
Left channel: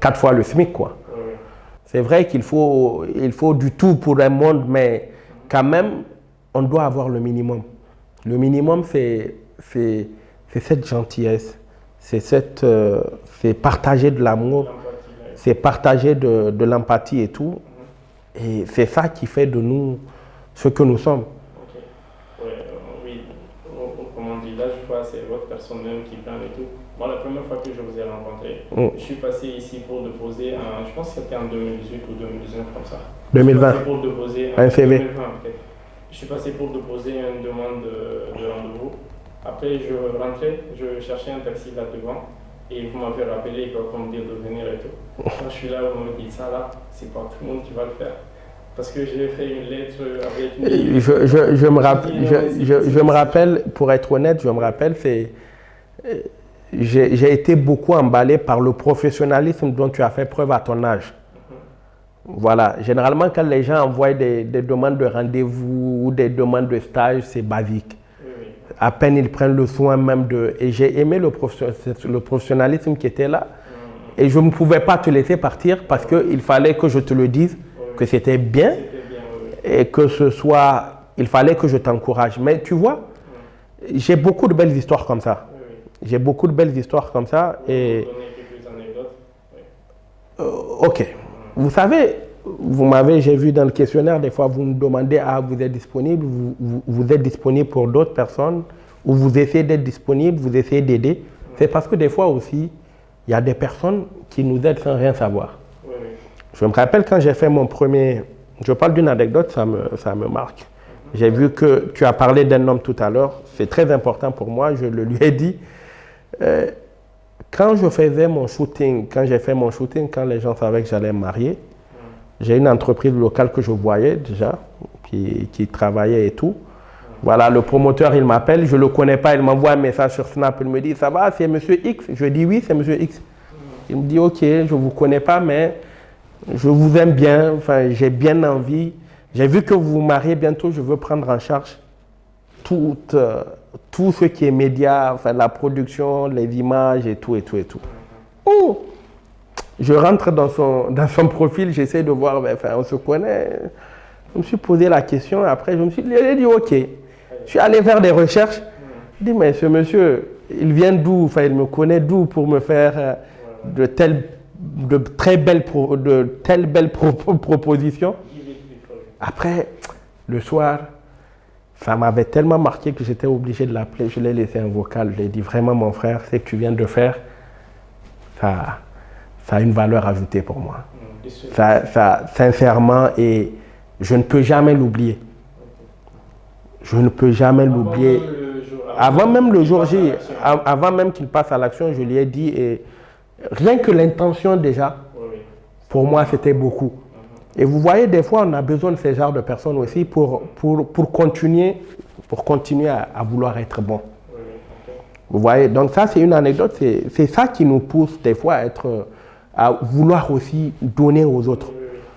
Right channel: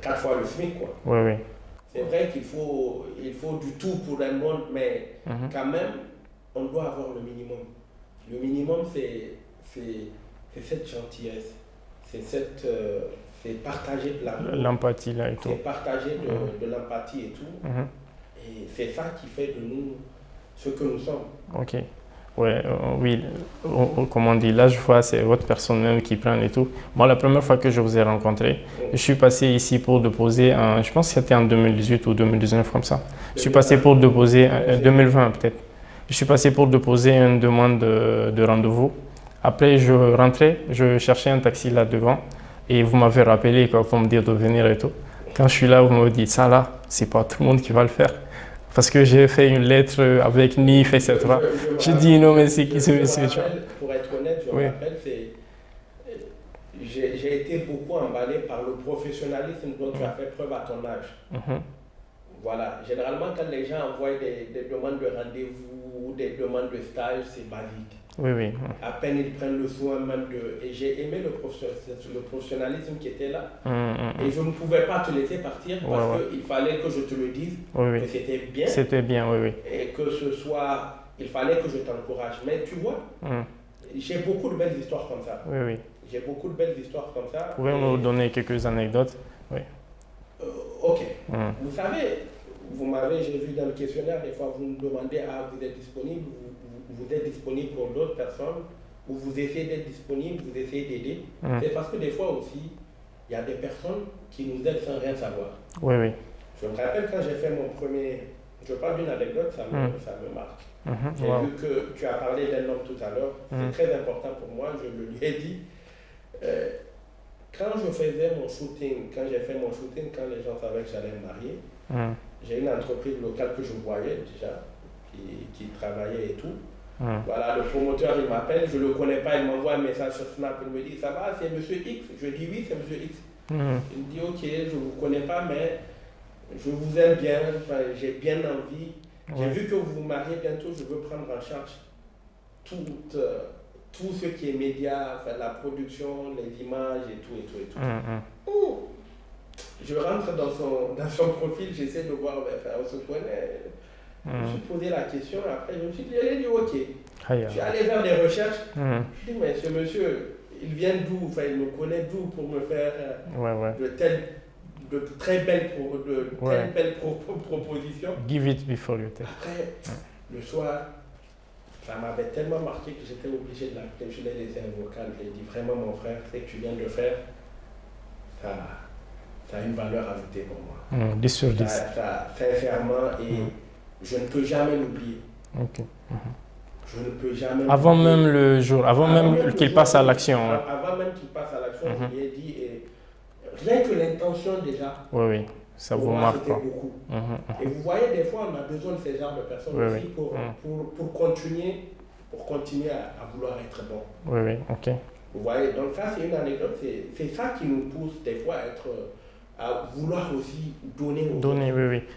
4 fois le SMIC, quoi. C'est vrai qu'il faut du tout pour un monde, mais quand même, on doit avoir le minimum. Le minimum, c'est cette gentillesse, c'est partager de l'amour, c'est partager de l'empathie et tout. Et c'est ça qui fait de nous ce que nous sommes. Oui, comme on dit, là je vois c'est votre personne même qui prend et tout. Moi la première fois que je vous ai rencontré, je suis passé ici pour déposer, je pense que c'était en 2018 ou 2019 comme ça. 2020. Je suis passé pour déposer, 2020 peut-être. Je suis passé pour déposer une demande de rendez-vous. Après je rentrais, je cherchais un taxi là devant et vous m'avez rappelé quoi, pour me dire de venir et tout. Quand je suis là, vous m'avez dit ça là, c'est pas tout le monde qui va le faire. Parce que j'ai fait une lettre avec NIF et je me rappelle, pour être honnête, me rappelle, j'ai été beaucoup emballé par le professionnalisme dont tu as fait preuve à ton âge. Voilà, généralement quand les gens envoient des demandes de rendez-vous ou des demandes de stage, c'est basique. À peine ils prennent le soin même de... Et j'ai aimé le professionnalisme qui était là. Et je ne pouvais pas te laisser partir parce qu'il fallait que je te le dise, que c'était bien. Et que ce soit... Il fallait que je t'encourage. Mais tu vois, j'ai beaucoup de belles histoires comme ça. J'ai beaucoup de belles histoires comme ça. Vous pouvez me donner quelques anecdotes? Ok. Vous savez... j'ai vu dans le questionnaire, des fois vous me demandez vous êtes disponible, vous êtes disponible pour d'autres personnes, ou vous essayez d'être disponible, vous essayez d'aider. C'est parce que des fois aussi, il y a des personnes qui nous aident sans rien savoir. Je me rappelle quand j'ai fait mon premier, je parle d'une anecdote, ça me marque. J'ai vu que tu as parlé d'un homme tout à l'heure, c'est très important pour moi, je le lui ai dit. Quand je faisais mon shooting, quand les gens savaient que j'allais me marier, j'ai une entreprise locale que je voyais déjà, qui travaillait et tout. Voilà, le promoteur, il m'appelle, je ne le connais pas, il m'envoie un message sur Snap, il me dit, ça va, c'est Monsieur X? Je dis oui, c'est Monsieur X. Il me dit, ok, je ne vous connais pas, mais je vous aime bien, j'ai bien envie. J'ai vu que vous vous mariez bientôt, je veux prendre en charge tout ce qui est média, la production, les images et tout. Oh! Je rentre dans son profil, j'essaie de voir, on se connaît. Je me suis posé la question et après je me suis dit ok. Je suis allé faire des recherches. Je dis mais ce monsieur, il vient d'où? Il me connaît d'où pour me faire de telles de telles belles propositions. Give it before you take. Après, le soir, ça m'avait tellement marqué que j'étais obligé de l'appeler. Je l'ai laissé un vocal. Je lui ai dit vraiment, mon frère, ce que tu viens de faire, ça a une valeur ajoutée pour moi. Sincèrement, et je ne peux jamais l'oublier. Okay. Je ne peux jamais l'oublier. Avant même le jour, qu'il passe à l'action. Avant même qu'il passe à l'action, je lui ai dit, et rien que l'intention déjà, pour moi, c'était beaucoup. Et vous voyez, des fois, on a besoin de ce genre de personnes aussi pour continuer à vouloir être bon. Vous voyez, donc ça, c'est une anecdote. C'est ça qui nous pousse des fois à vouloir aussi donner aux autres.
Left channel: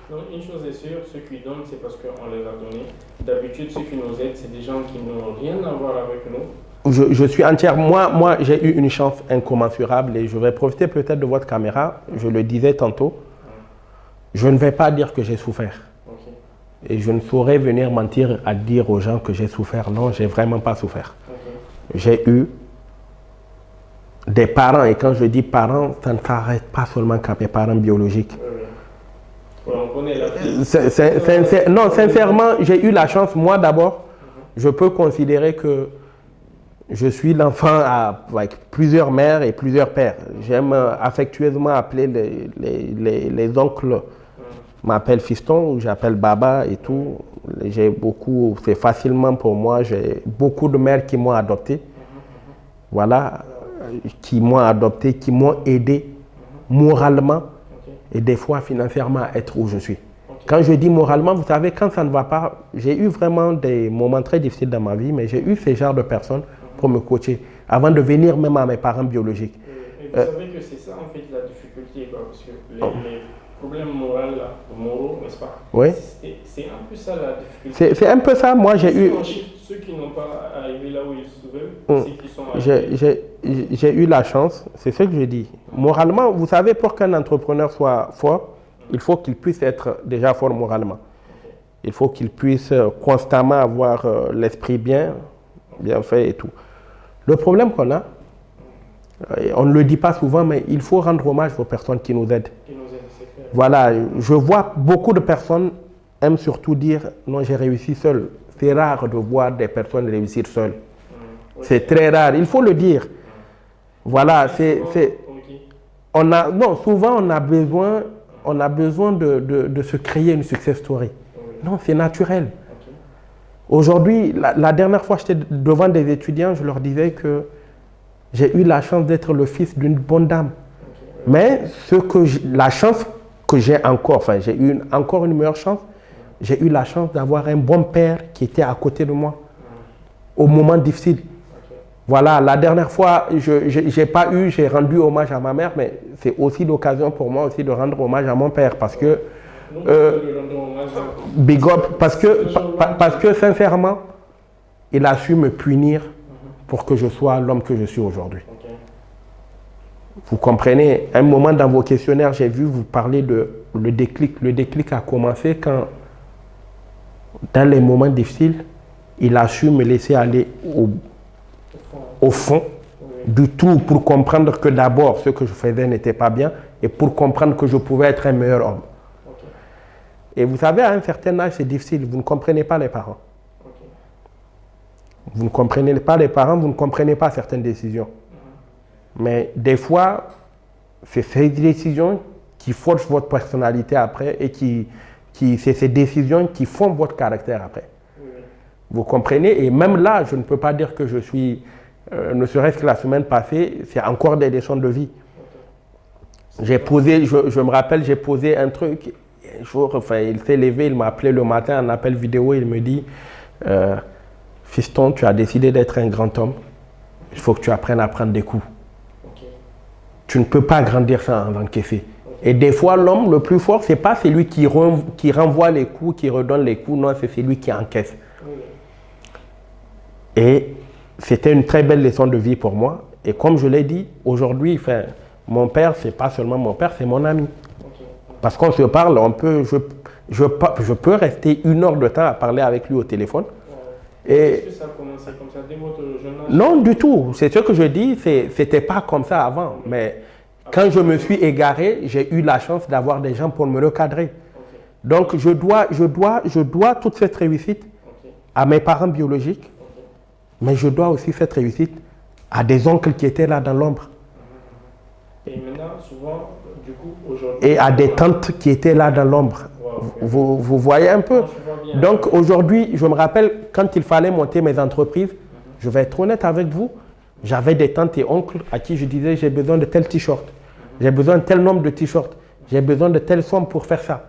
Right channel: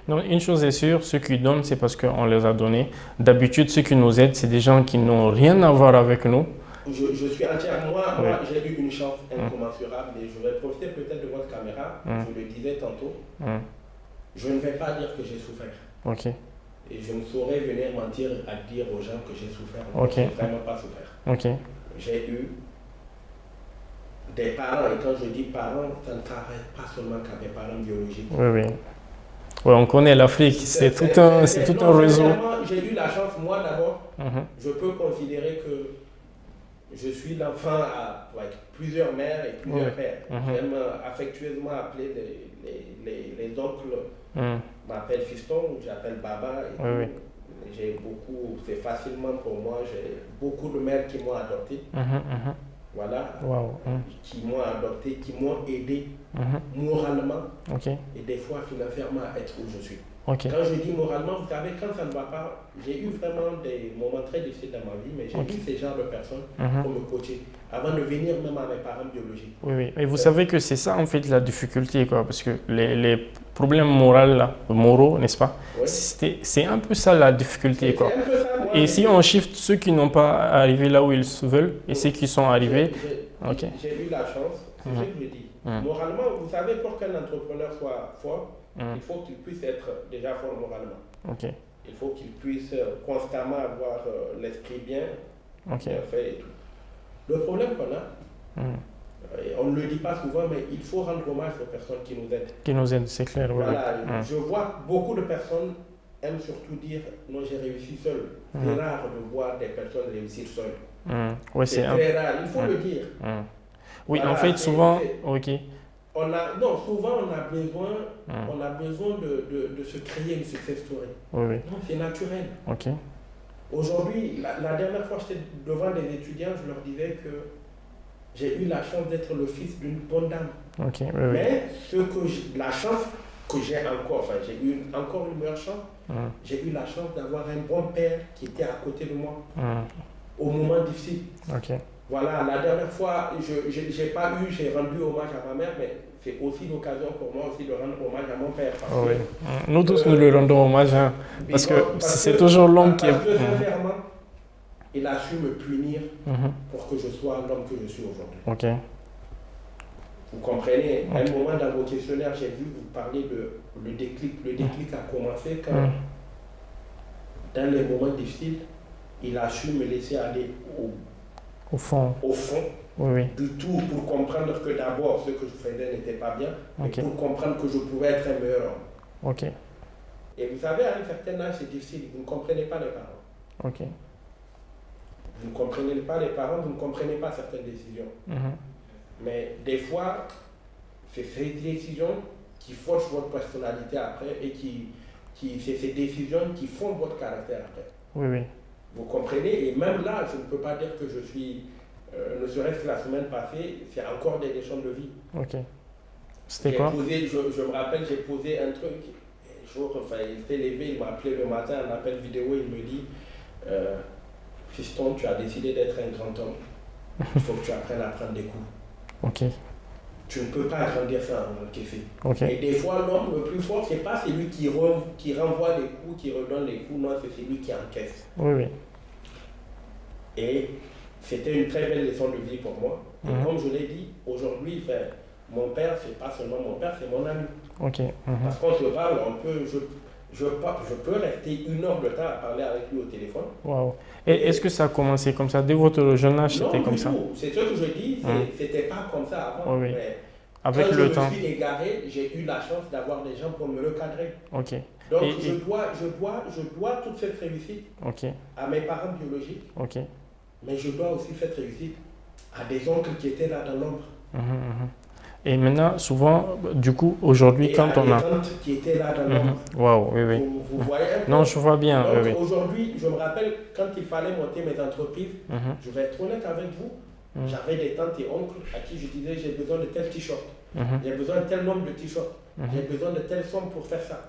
Non, une chose est sûre, ceux qui donnent, c'est parce qu'on les a donnés. D'habitude, ceux qui nous aident, c'est des gens qui n'ont rien à voir avec nous. Je suis entière. Moi, j'ai eu une chance incommensurable et je vais profiter peut-être de votre caméra. Je le disais tantôt. Je ne vais pas dire que j'ai souffert. Et je ne saurais venir mentir à dire aux gens que j'ai souffert. Non, j'ai vraiment pas souffert. J'ai eu des parents, et quand je dis parents, ça ne s'arrête pas seulement qu'à mes parents biologiques. On connaît l'Afrique. Non, sincèrement, j'ai eu la chance. Moi, d'abord, je peux considérer que je suis l'enfant avec plusieurs mères et plusieurs pères. J'aime affectueusement appeler les oncles, m'appellent fiston ou j'appelle baba et tout. J'ai beaucoup, c'est facilement pour moi, j'ai beaucoup de mères qui m'ont adopté. Voilà, qui m'ont adopté, qui m'ont aidé moralement et des fois financièrement à être où je suis. Quand je dis moralement, vous savez, quand ça ne va pas, j'ai eu vraiment des moments très difficiles dans ma vie, mais j'ai eu ce genre de personnes pour me coacher, avant de venir même à mes parents biologiques. Et vous savez que c'est ça en fait la difficulté, quoi, parce que les problèmes moraux, n'est-ce pas? C'est un peu ça la difficulté. C'est un peu ça. Moi, ici, on shift ceux qui n'ont pas arrivé là où ils veulent et ceux qui sont arrivés. J'ai eu la chance, c'est ce que je dis. Moralement, vous savez, pour qu'un entrepreneur soit fort, il faut qu'il puisse être déjà fort moralement. Il faut qu'il puisse constamment avoir l'esprit bien fait et tout. Le problème qu'on a, on ne le dit pas souvent, mais il faut rendre hommage aux personnes qui nous aident. Qui nous aident, c'est clair. Voilà, je vois beaucoup de personnes aiment surtout dire « non, j'ai réussi seul ». C'est rare de voir des personnes réussir seules. C'est très rare, il faut le dire. Voilà, souvent on a besoin de se créer une success story. Non, c'est naturel. Aujourd'hui, la dernière fois j'étais devant des étudiants, je leur disais que j'ai eu la chance d'être le fils d'une bonne dame. Mais la chance que j'ai encore, enfin j'ai eu encore une meilleure chance, j'ai eu la chance d'avoir un bon père qui était à côté de moi au moment difficile. Voilà, la dernière fois, j'ai rendu hommage à ma mère, mais c'est aussi l'occasion pour moi aussi de rendre hommage à mon père parce que... Nous tous, nous lui rendons hommage. Parce que sincèrement, il a su me punir pour que je sois l'homme que je suis aujourd'hui. Vous comprenez, à un moment dans vos questionnaires, j'ai vu vous parler de le déclic. Le déclic a commencé quand, dans les moments difficiles, il a su me laisser aller au fond du tout pour comprendre que d'abord, ce que je faisais n'était pas bien et pour comprendre que je pouvais être un meilleur homme. Et vous savez, à un certain âge, c'est difficile. Vous ne comprenez pas les parents. Vous ne comprenez pas les parents, vous ne comprenez pas certaines décisions. Mais des fois, c'est ces décisions qui forgent votre personnalité après et c'est ces décisions qui font votre caractère après. Vous comprenez? Et même là, je ne peux pas dire que je suis, ne serait-ce que la semaine passée, c'est encore des leçons de vie. J'ai posé, je me rappelle, j'ai posé un truc, un jour, enfin, il s'est levé, il m'a appelé le matin, un appel vidéo, il me dit fiston, tu as décidé d'être un grand homme, il faut que tu apprennes à prendre des coups. Tu ne peux pas grandir ça en encaisser. Et des fois, l'homme le plus fort, ce n'est pas celui qui renvoie les coups, qui redonne les coups, non, c'est celui qui encaisse. Et c'était une très belle leçon de vie pour moi. Et comme je l'ai dit, aujourd'hui, mon père, ce n'est pas seulement mon père, c'est mon ami. Parce qu'on se parle, je peux rester 1 heure de temps à parler avec lui au téléphone. Et est-ce que ça a commencé comme ça dès votre jeune âge? Non, du tout. C'est ce que je dis, c'était pas comme ça avant. Mais Quand je me suis égaré, j'ai eu la chance d'avoir des gens pour me recadrer. Ok. Donc, je dois toute cette réussite à mes parents biologiques, mais je dois aussi cette réussite à des oncles qui étaient là dans l'ombre. Et maintenant, souvent, du coup, aujourd'hui... Et à des tantes qui étaient là dans l'ombre. Wow, Vous voyez un peu? Non, je vois bien. Donc, aujourd'hui, je me rappelle, quand il fallait monter mes entreprises, je vais être honnête avec vous, j'avais des tantes et oncles à qui je disais, j'ai besoin de tel t-shirt, j'ai besoin de tel nombre de t-shirts, j'ai besoin de telle somme pour faire ça.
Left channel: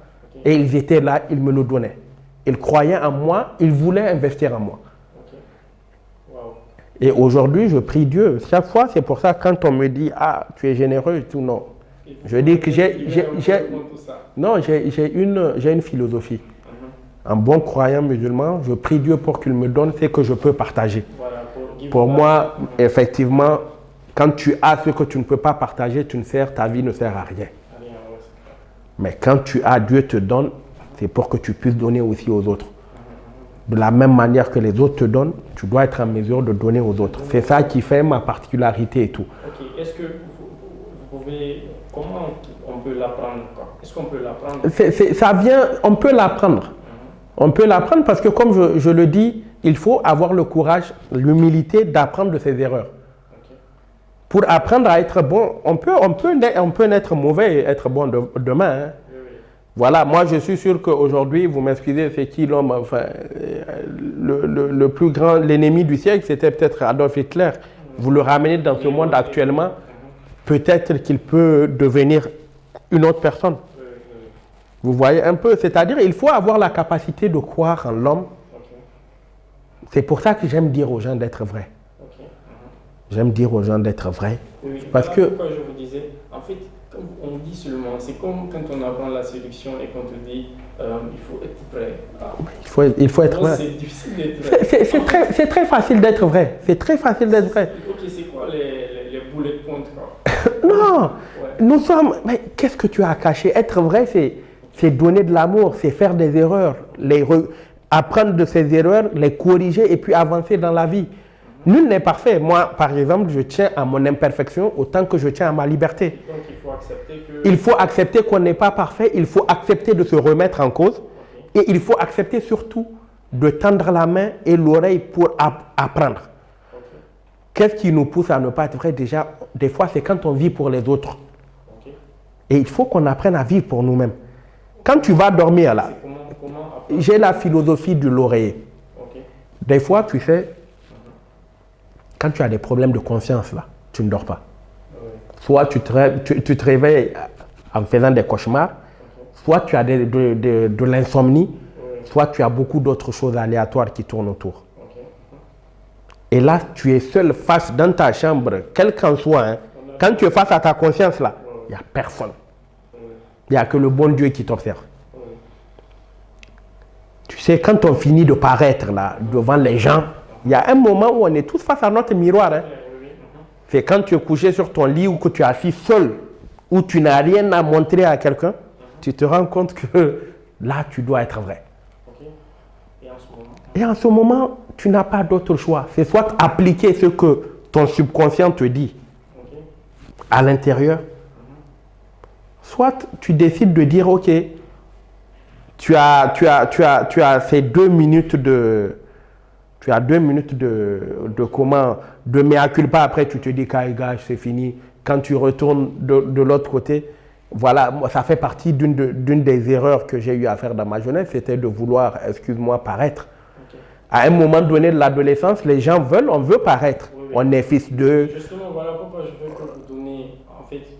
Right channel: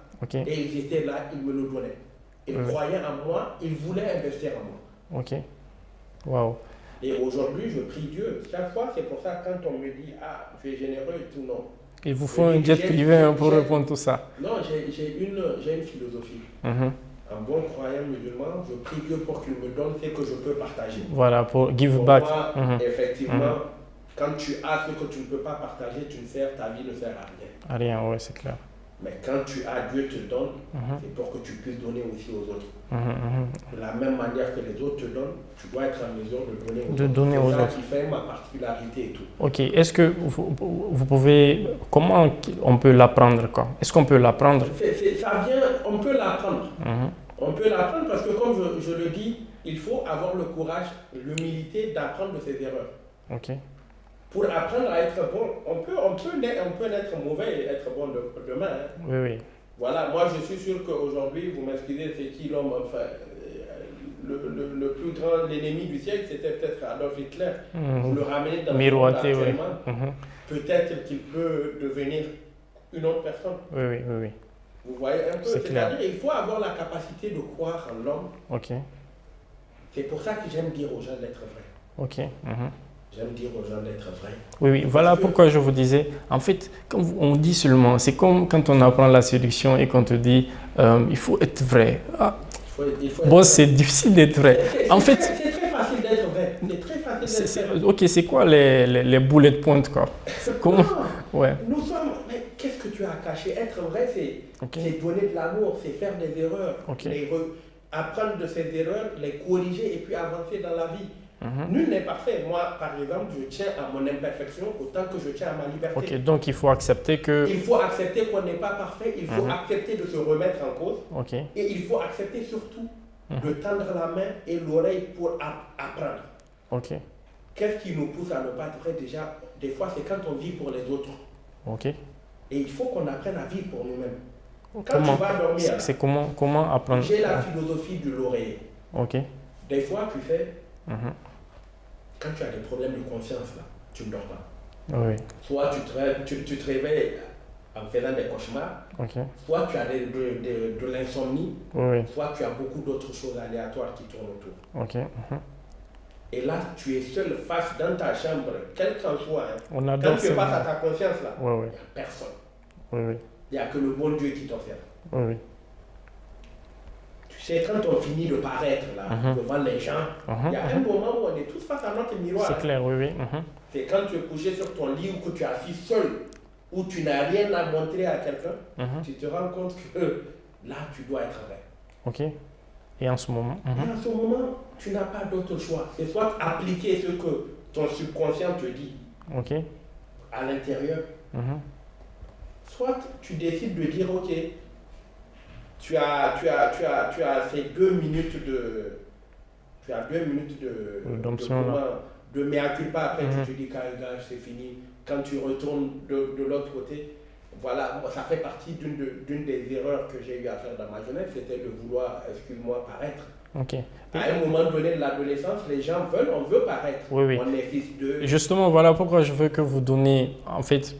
Et ils étaient là, ils me le donnaient. Ils croyaient en moi, ils voulaient investir en moi. Ok. Wow. Et aujourd'hui, je prie Dieu. Chaque fois, c'est pour ça, quand on me dit, ah, tu es généreux et tout, non. Il vous faut un pour répondre tout ça. Non, j'ai une philosophie. Un bon croyant musulman, je prie Dieu pour qu'il me donne ce que je peux partager. Voilà, pour give pour back. Moi, effectivement, quand tu as ce que tu ne peux pas partager, ta vie ne sert à rien. À rien, oui, c'est clair. Mais quand tu as, Dieu te donne, c'est pour que tu puisses donner aussi aux autres. De la même manière que les autres te donnent, tu dois être en mesure de donner aux autres. C'est ça qui fait ma particularité et tout. Ok. Est-ce que vous pouvez... Comment on peut l'apprendre, quoi? Est-ce qu'on peut l'apprendre? Ça vient... On peut l'apprendre. On peut l'apprendre parce que, comme je le dis, il faut avoir le courage, l'humilité d'apprendre de ses erreurs. Ok. Pour apprendre à être bon, on peut naître mauvais et être bon demain. Hein. Oui. Voilà, moi je suis sûr qu'aujourd'hui, vous m'excusez, c'est qui l'homme, enfin, le plus grand, l'ennemi du siècle, c'était peut-être Adolf Hitler. Vous le ramenez dans ce monde actuellement, peut-être qu'il peut devenir une autre personne. Oui. Vous voyez un peu, c'est-à-dire il faut avoir la capacité de croire en l'homme. Ok. C'est pour ça que j'aime dire aux gens d'être vrais. Ok. J'aime dire aux gens d'être vrais. Oui. Voilà pourquoi je vous disais, en fait, quand on dit seulement, c'est comme quand on apprend la séduction et qu'on te dit, il faut être vrai. Ah, il faut être vrai. C'est difficile d'être vrai. C'est très facile d'être vrai. C'est très facile d'être vrai. Ok, c'est quoi les bullet points, quoi? Non, nous sommes... Mais qu'est-ce que tu as caché? Être vrai, c'est donner de l'amour, c'est faire des erreurs, apprendre de ses erreurs, les corriger et puis avancer dans la vie. Nul n'est parfait. Moi, par exemple, je tiens à mon imperfection autant que je tiens à ma liberté. Donc, il faut accepter que... Il faut accepter qu'on n'est pas parfait. Il faut accepter de se remettre en cause. Et il faut accepter surtout de tendre la main et l'oreille pour apprendre. Qu'est-ce qui nous pousse à ne pas être vrai? Déjà, des fois, c'est quand on vit pour les autres. Et il faut qu'on apprenne à vivre pour nous-mêmes. Quand tu vas dormir, là, comment apprendre? J'ai la philosophie de l'oreiller. Des fois, tu sais... Quand tu as des problèmes de conscience, là, tu ne dors pas. Soit tu te réveilles en faisant des cauchemars, soit tu as de l'insomnie, soit tu as beaucoup d'autres choses aléatoires qui tournent autour. Et là, tu es seul face dans ta chambre, quel qu'en soit. Hein, quand tu es face à ta conscience, là, il n'y a personne. Il n'y a que le bon Dieu qui t'observe. Tu sais, quand on finit de paraître là, devant les gens, il y a un moment où on est tous face à notre miroir. C'est clair, C'est quand tu es couché sur ton lit ou que tu es assis seul, où tu n'as rien à montrer à quelqu'un, tu te rends compte que là, tu dois être vrai. Et en ce moment Et en ce moment, tu n'as pas d'autre choix. C'est soit appliquer ce que ton subconscient te dit à l'intérieur, soit tu décides de dire, ok, tu as ces 2 minutes de... Tu as 2 minutes de mea culpa. Après, tu te dis, gars, c'est fini. Quand tu retournes de l'autre côté, voilà, ça fait partie d'une des erreurs que j'ai eu à faire dans ma jeunesse, c'était de vouloir, excuse-moi, paraître. À un moment donné de l'adolescence, les gens on veut paraître. On est fils de... Justement, voilà pourquoi je veux que vous donniez, en fait...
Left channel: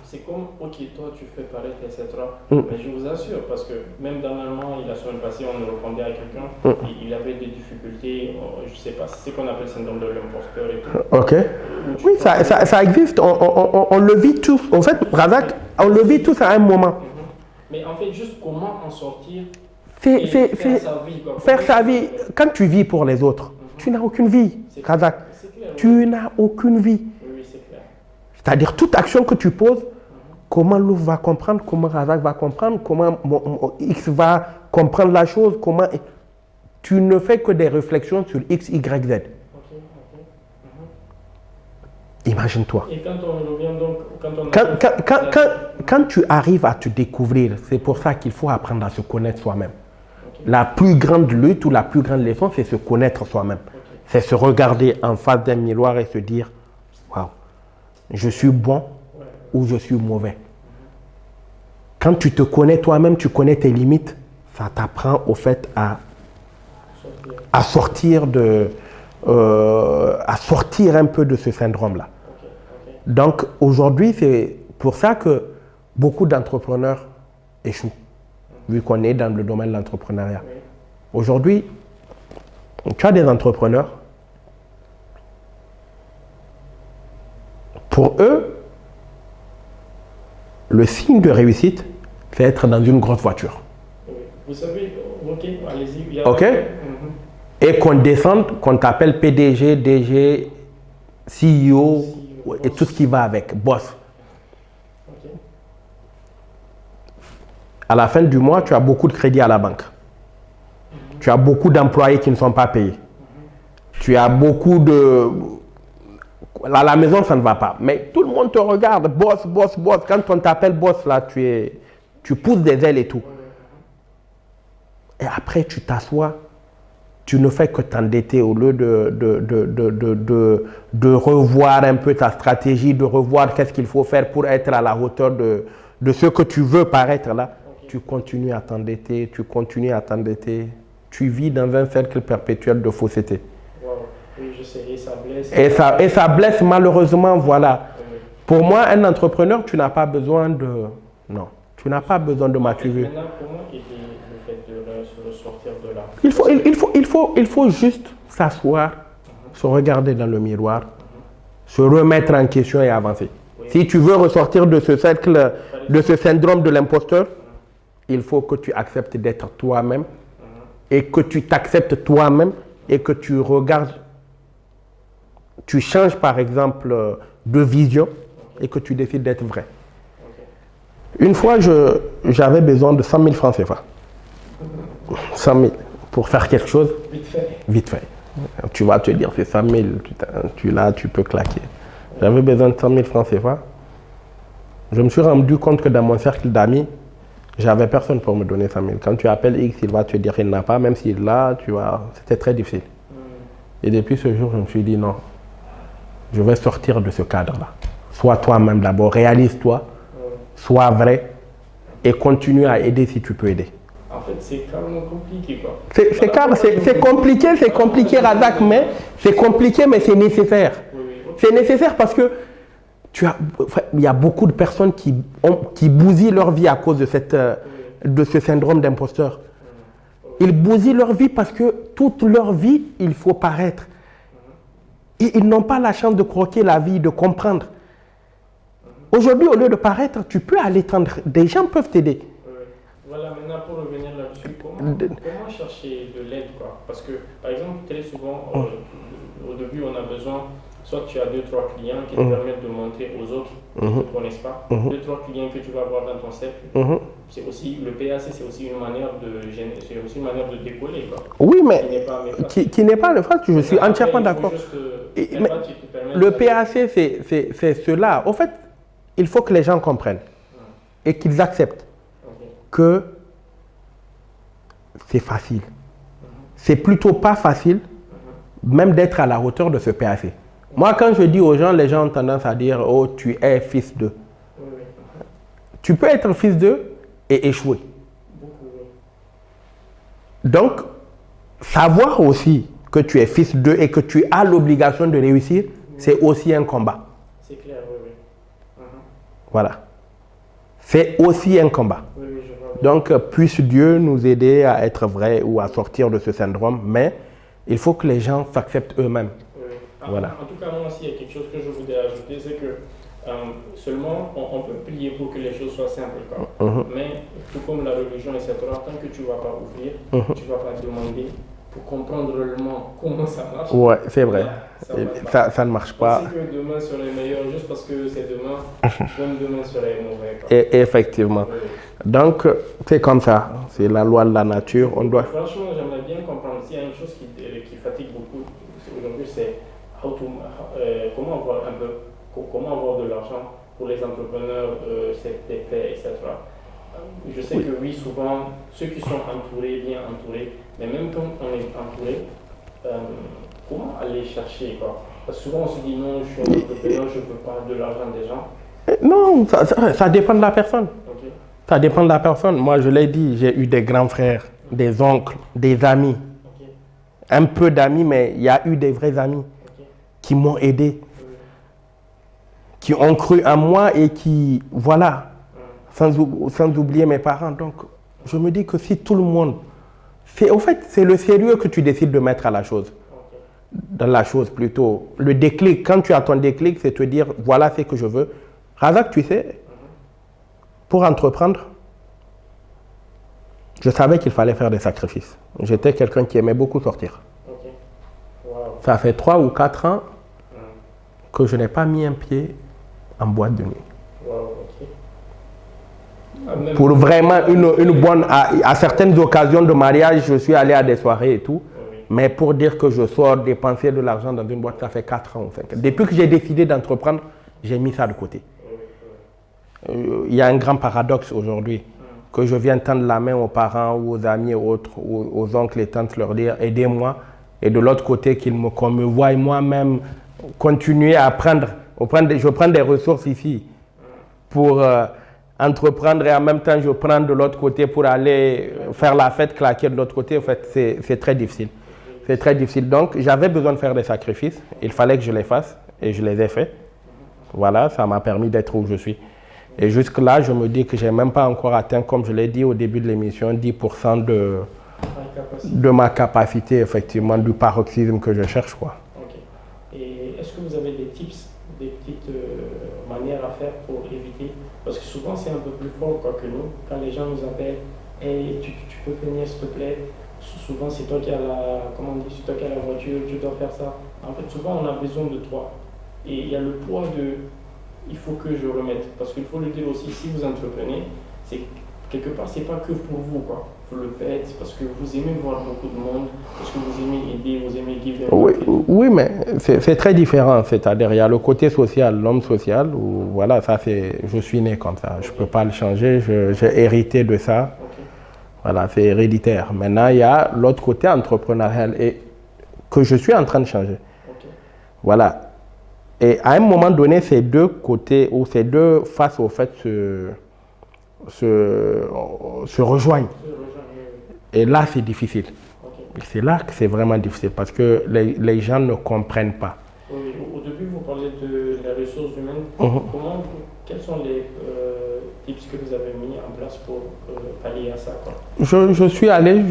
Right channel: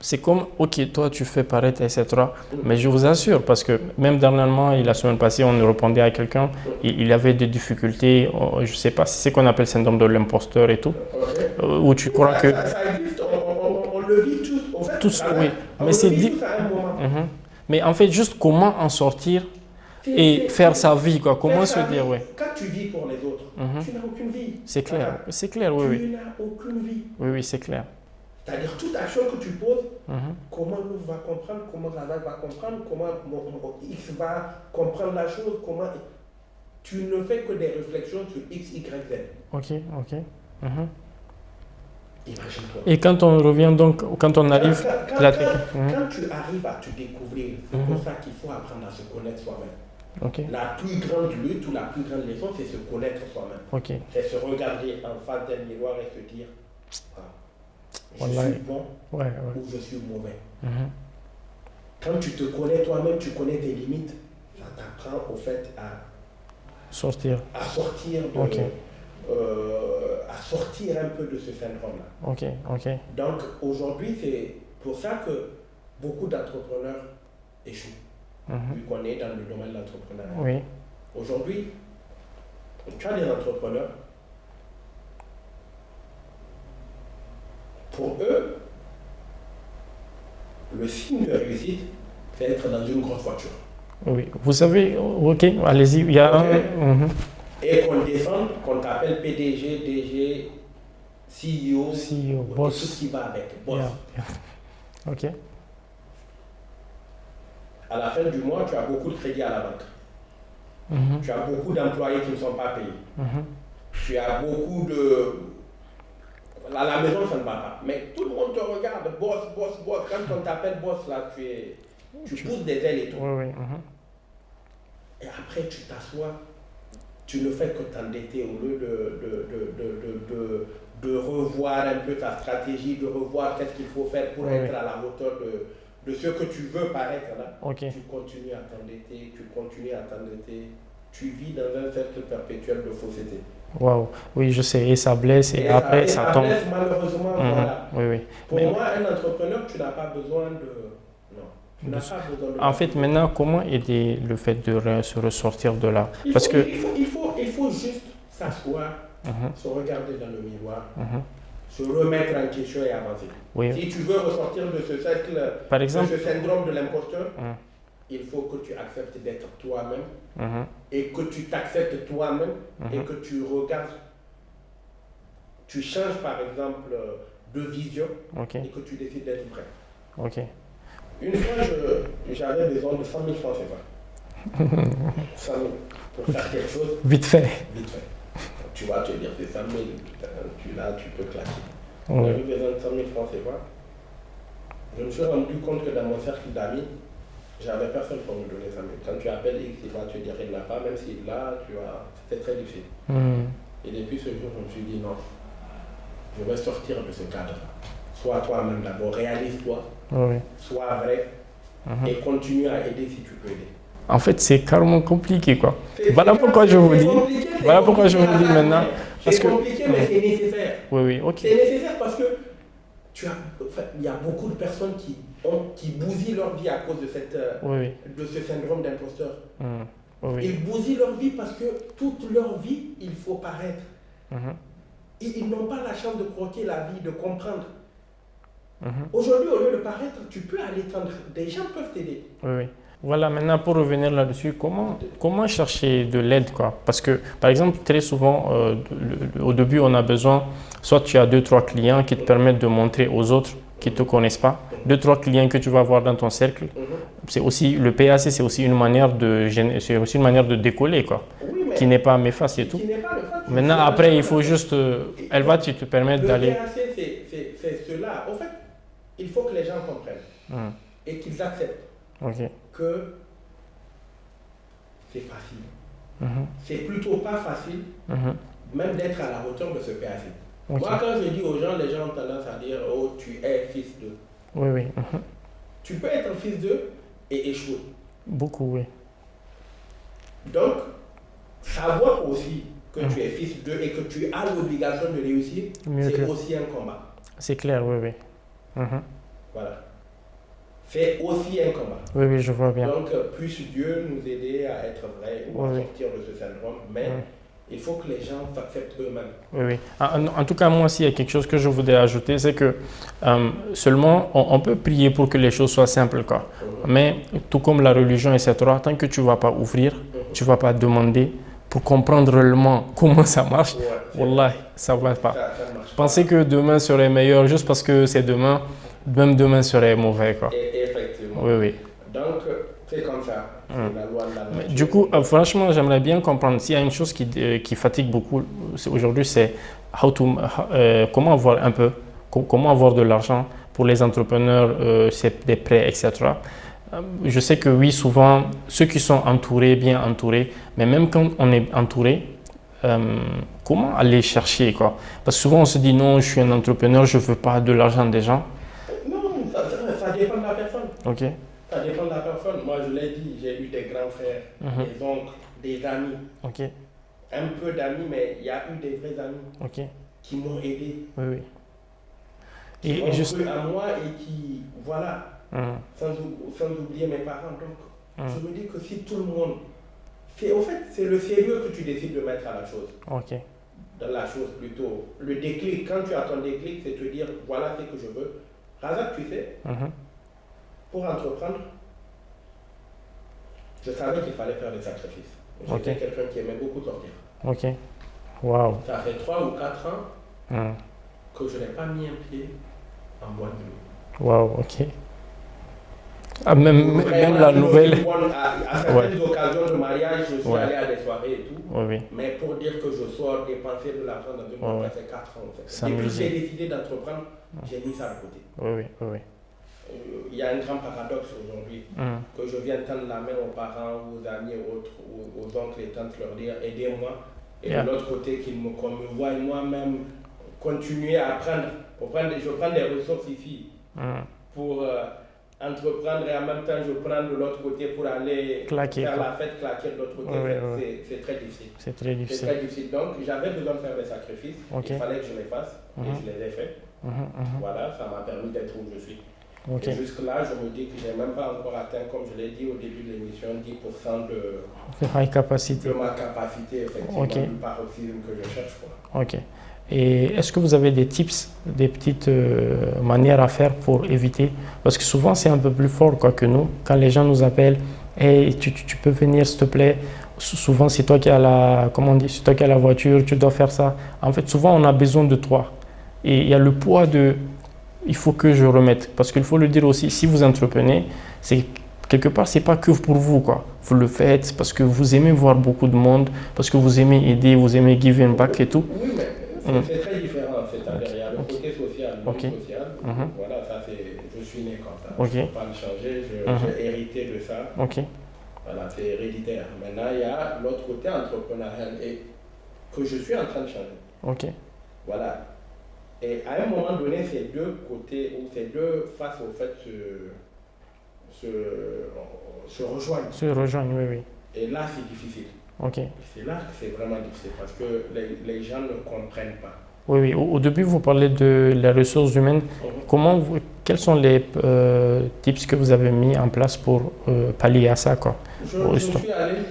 C'est comme, ok, toi tu fais paraître, etc. Mais je vous assure, parce que même dernièrement, la semaine passée, on répondait à quelqu'un, il avait des difficultés, je ne sais pas si c'est qu'on appelle le syndrome de l'imposteur et tout. Où tu crois ça existe, on le vit tous. En fait, on le vit tous à un moment. Mais en fait, juste comment en sortir et faire sa vie. Faire sa vie. Quand tu vis pour les autres, tu n'as aucune vie. C'est clair. Tu n'as aucune vie. Oui, c'est clair. C'est-à-dire toute action que tu poses, comment Louf va comprendre, comment Razak va comprendre, comment X va comprendre la chose, comment... Tu ne fais que des réflexions sur X, Y, Z. Imagine-toi. Et quand on revient donc, quand on arrive... Quand tu arrives à te découvrir, c'est pour ça qu'il faut apprendre à se connaître soi-même. Ok. La plus grande lutte ou la plus grande leçon, c'est se connaître soi-même. Ok. C'est se regarder en face d'un miroir et se dire, waouh, je suis bon ou je suis mauvais. Quand tu te connais toi-même, tu connais tes limites, ça t'apprend au fait à sortir à sortir un peu de ce syndrome-là. Ok. Donc aujourd'hui, c'est pour ça que beaucoup d'entrepreneurs échouent, vu qu'on est dans le domaine de l'entrepreneuriat. Oui. Aujourd'hui, tu as des entrepreneurs, pour eux, le signe de réussite, c'est être dans une grosse voiture. Oui. Vous savez, ok, allez-y. Il y a Ok. Et qu'on descende, qu'on t'appelle PDG, DG, CEO, et boss. tout ce qui va avec, boss. Ok. À la fin du mois, tu as beaucoup de crédits à la banque. Tu as beaucoup d'employés qui ne sont pas payés. Tu as beaucoup de... À la maison, ça ne va pas. Mais tout le monde te regarde, boss, boss, boss. Quand on t'appelle boss, là, tu pousses des ailes et tout. Oui. Et après, tu t'assois. Tu ne fais que t'endetter au lieu de revoir un peu ta stratégie, de revoir qu'est-ce qu'il faut faire pour être à la hauteur de ce que tu veux paraître là. Ok. Tu continues à t'endetter, tu vis dans un cercle perpétuel de fausseté. Wow. Oui, je sais, et ça blesse. Et ça blesse malheureusement, voilà. Oui. Pour moi, un entrepreneur, tu n'as pas besoin de... Non. Tu n'as pas besoin de En fait, m'accuser. maintenant, comment aider le fait de se ressortir de là? Il faut juste s'asseoir, se regarder dans le miroir, se remettre en question et avancer. Oui. Si tu veux ressortir de ce cercle, Par exemple, de ce syndrome de l'imposteur, il faut que tu acceptes d'être toi-même et que tu t'acceptes toi-même et que tu regardes, tu changes par exemple de vision et que tu décides d'être vrai. Ok. Une fois, j'avais besoin de 100 000 francs CFA. 100 000 pour faire quelque chose. Vite fait. Vite fait. Tu vas te dire, c'est 100 000, tu peux claquer. J'avais besoin de 100 000 francs CFA. Je me suis rendu compte que dans mon cercle d'amis, j'avais personne pour me donner 100 000. Quand tu appelles X, il va te dire qu'il n'a pas, même s'il l'a, tu vois, c'était très difficile. Et depuis ce jour, je me suis dit non, je vais sortir de ce cadre-là. Sois toi-même d'abord, réalise-toi. Sois vrai et continue à aider si tu peux aider. En fait, c'est carrément compliqué, quoi. C'est compliqué, Razak, mais c'est compliqué, mais c'est nécessaire. Oui, ok. C'est nécessaire parce que il y a beaucoup de personnes qui bousillent leur vie à cause de ce syndrome d'imposteur. Ils bousillent leur vie parce que toute leur vie, il faut paraître. Et ils n'ont pas la chance de croquer la vie, de comprendre. Aujourd'hui, au lieu de paraître, tu peux aller tendre. Des gens peuvent t'aider. Oui. Voilà, maintenant pour revenir là-dessus, comment chercher de l'aide, quoi? Parce que, par exemple, très souvent, au début, on a besoin, soit tu as 2-3 clients qui te permettent de montrer aux autres qui ne te connaissent pas, 2-3 clients que tu vas voir dans ton cercle. C'est aussi, le PAC, c'est aussi une manière de décoller, quoi. Oui, mais qui n'est pas méfaste. Qui n'est pas le fait. Maintenant, après, il faut juste, elle va te permettre d'aller... Le PAC, c'est cela. Au fait, il faut que les gens comprennent et qu'ils acceptent que c'est facile. C'est plutôt pas facile, même d'être à la hauteur de ce PAC. Moi, quand je dis aux gens, les gens ont tendance à dire « Oh, tu es fils d'eux ». Oui. Tu peux être fils d'eux et échouer. Beaucoup, oui. Donc, savoir aussi que tu es fils d'eux et que tu as l'obligation de réussir, c'est aussi un combat. C'est clair, oui. Voilà. C'est aussi un combat. Oui, je vois bien. Donc, puisse Dieu nous aider à être vrais ou à sortir de ce syndrome, mais il faut que les gens s'acceptent eux-mêmes. Oui. En tout cas, moi aussi, il y a quelque chose que je voudrais ajouter, c'est que seulement, on peut prier pour que les choses soient simples, quoi. Mais tout comme la religion, etc., tant que tu ne vas pas ouvrir, tu ne vas pas demander pour comprendre réellement comment ça marche, ouais, c'est vrai. Ça ne va pas. Ça ne marche pas. Penser que demain serait meilleur juste parce que c'est demain, même demain serait mauvais, quoi. Et effectivement. Oui. Donc, c'est comme ça. C'est la loi de la nature. Du coup, franchement, j'aimerais bien comprendre. S'il y a une chose qui fatigue beaucoup aujourd'hui, c'est comment voir un peu comment avoir de l'argent pour les entrepreneurs, c'est des prêts, etc. Je sais que oui, souvent, ceux qui sont entourés, bien entourés, mais même quand on est entouré, comment aller chercher quoi? Parce que souvent on se dit non, je suis un entrepreneur, je ne veux pas de l'argent des gens. Non, ça dépend de la personne. Ok, Ça dépend de la personne. Moi, je l'ai dit, j'ai eu des grands frères, des oncles, des amis. ok, Un peu d'amis, mais il y a eu des vrais amis ok. qui m'ont aidé, Oui, oui. qui Mais ont juste- cru en moi et qui, voilà, Mhm. sans oublier mes parents. Donc, je me dis que si tout le monde, au fait, c'est le sérieux que tu décides de mettre à la chose, Ok, dans la chose plutôt. Le déclic, quand tu as ton déclic, c'est te dire, voilà ce que je veux. Razak, tu sais, pour entreprendre, je savais qu'il fallait faire des sacrifices. J'étais quelqu'un qui aimait beaucoup sortir. ok. Waouh. Ça fait 3 ou 4 ans Mhm. que je n'ai pas mis un pied en boîte de nuit. Waouh, ok. Ah, même, Pour vraiment même la nouvelle- une bonne... À certaines occasions de mariage, je suis allé à des soirées et tout. Oui, oui. Mais pour dire que je sors dépenser de l'argent dans une boîte, ça fait 4 ans ou 5 ans. Ça Depuis me- que j'ai décidé d'entreprendre, j'ai mis ça de côté. Oui, oui, oui, oui. Il y a un grand paradoxe aujourd'hui, Mhm. que je viens tendre la main aux parents ou aux amis ou autres, ou aux oncles et tantes, leur dire aidez-moi. Et de Yeah. l'autre côté, qu'on me voie moi-même continuer à apprendre. Je prends des ressources ici pour entreprendre et en même temps je prends de l'autre côté pour aller Claquer. faire la fête, claquer de l'autre côté. Ouais, en fait, ouais. c'est très difficile. C'est très C'est difficile. très difficile. Donc, j'avais besoin de faire des sacrifices. Ok. Il fallait que je les fasse et je les ai faits. Voilà, ça m'a permis d'être où je suis. Ok. Et jusque-là, je me dis que je n'ai même pas encore atteint, comme je l'ai dit au début de l'émission, 10% High capacity. de ma capacité, effectivement, Ok. du paroxysme que je cherche, quoi. Ok. Et est-ce que vous avez des tips, des petites manières à faire pour éviter? Parce que souvent, c'est un peu plus fort quoi, que nous. Quand les gens nous appellent, hey, tu peux venir, s'il te plaît. Souvent, c'est toi qui as la, comment on dit, c'est toi qui as la voiture, tu dois faire ça. En fait, souvent, on a besoin de toi. Et il y a le poids de, il faut que je remette. Parce qu'il faut le dire aussi, si vous entreprenez, c'est quelque part, c'est pas que pour vous, quoi. Vous le faites parce que vous aimez voir beaucoup de monde, parce que vous aimez aider, vous aimez give and back et tout. Oui, mais c'est très différent. C'est-à-dire, il y a le côté social, l'homme Ok. social, où voilà, ça c'est, je suis né comme ça. Ok. Je ne peux pas le changer, j'ai hérité de ça. Ok. Voilà, c'est héréditaire. Maintenant, il y a l'autre côté entrepreneurial et que je suis en train de changer. Ok. Voilà. Et à un moment donné, ces deux côtés, ou ces deux faces, au fait, se rejoignent. Se rejoindre, oui, oui. Et là, c'est difficile. Ok. Et c'est là que c'est vraiment difficile parce que les gens ne comprennent pas. Oui, oui. Au début, vous parlez de les ressources humaines. Quels sont les tips que vous avez mis en place pour pallier à ça, quoi? Je suis allé,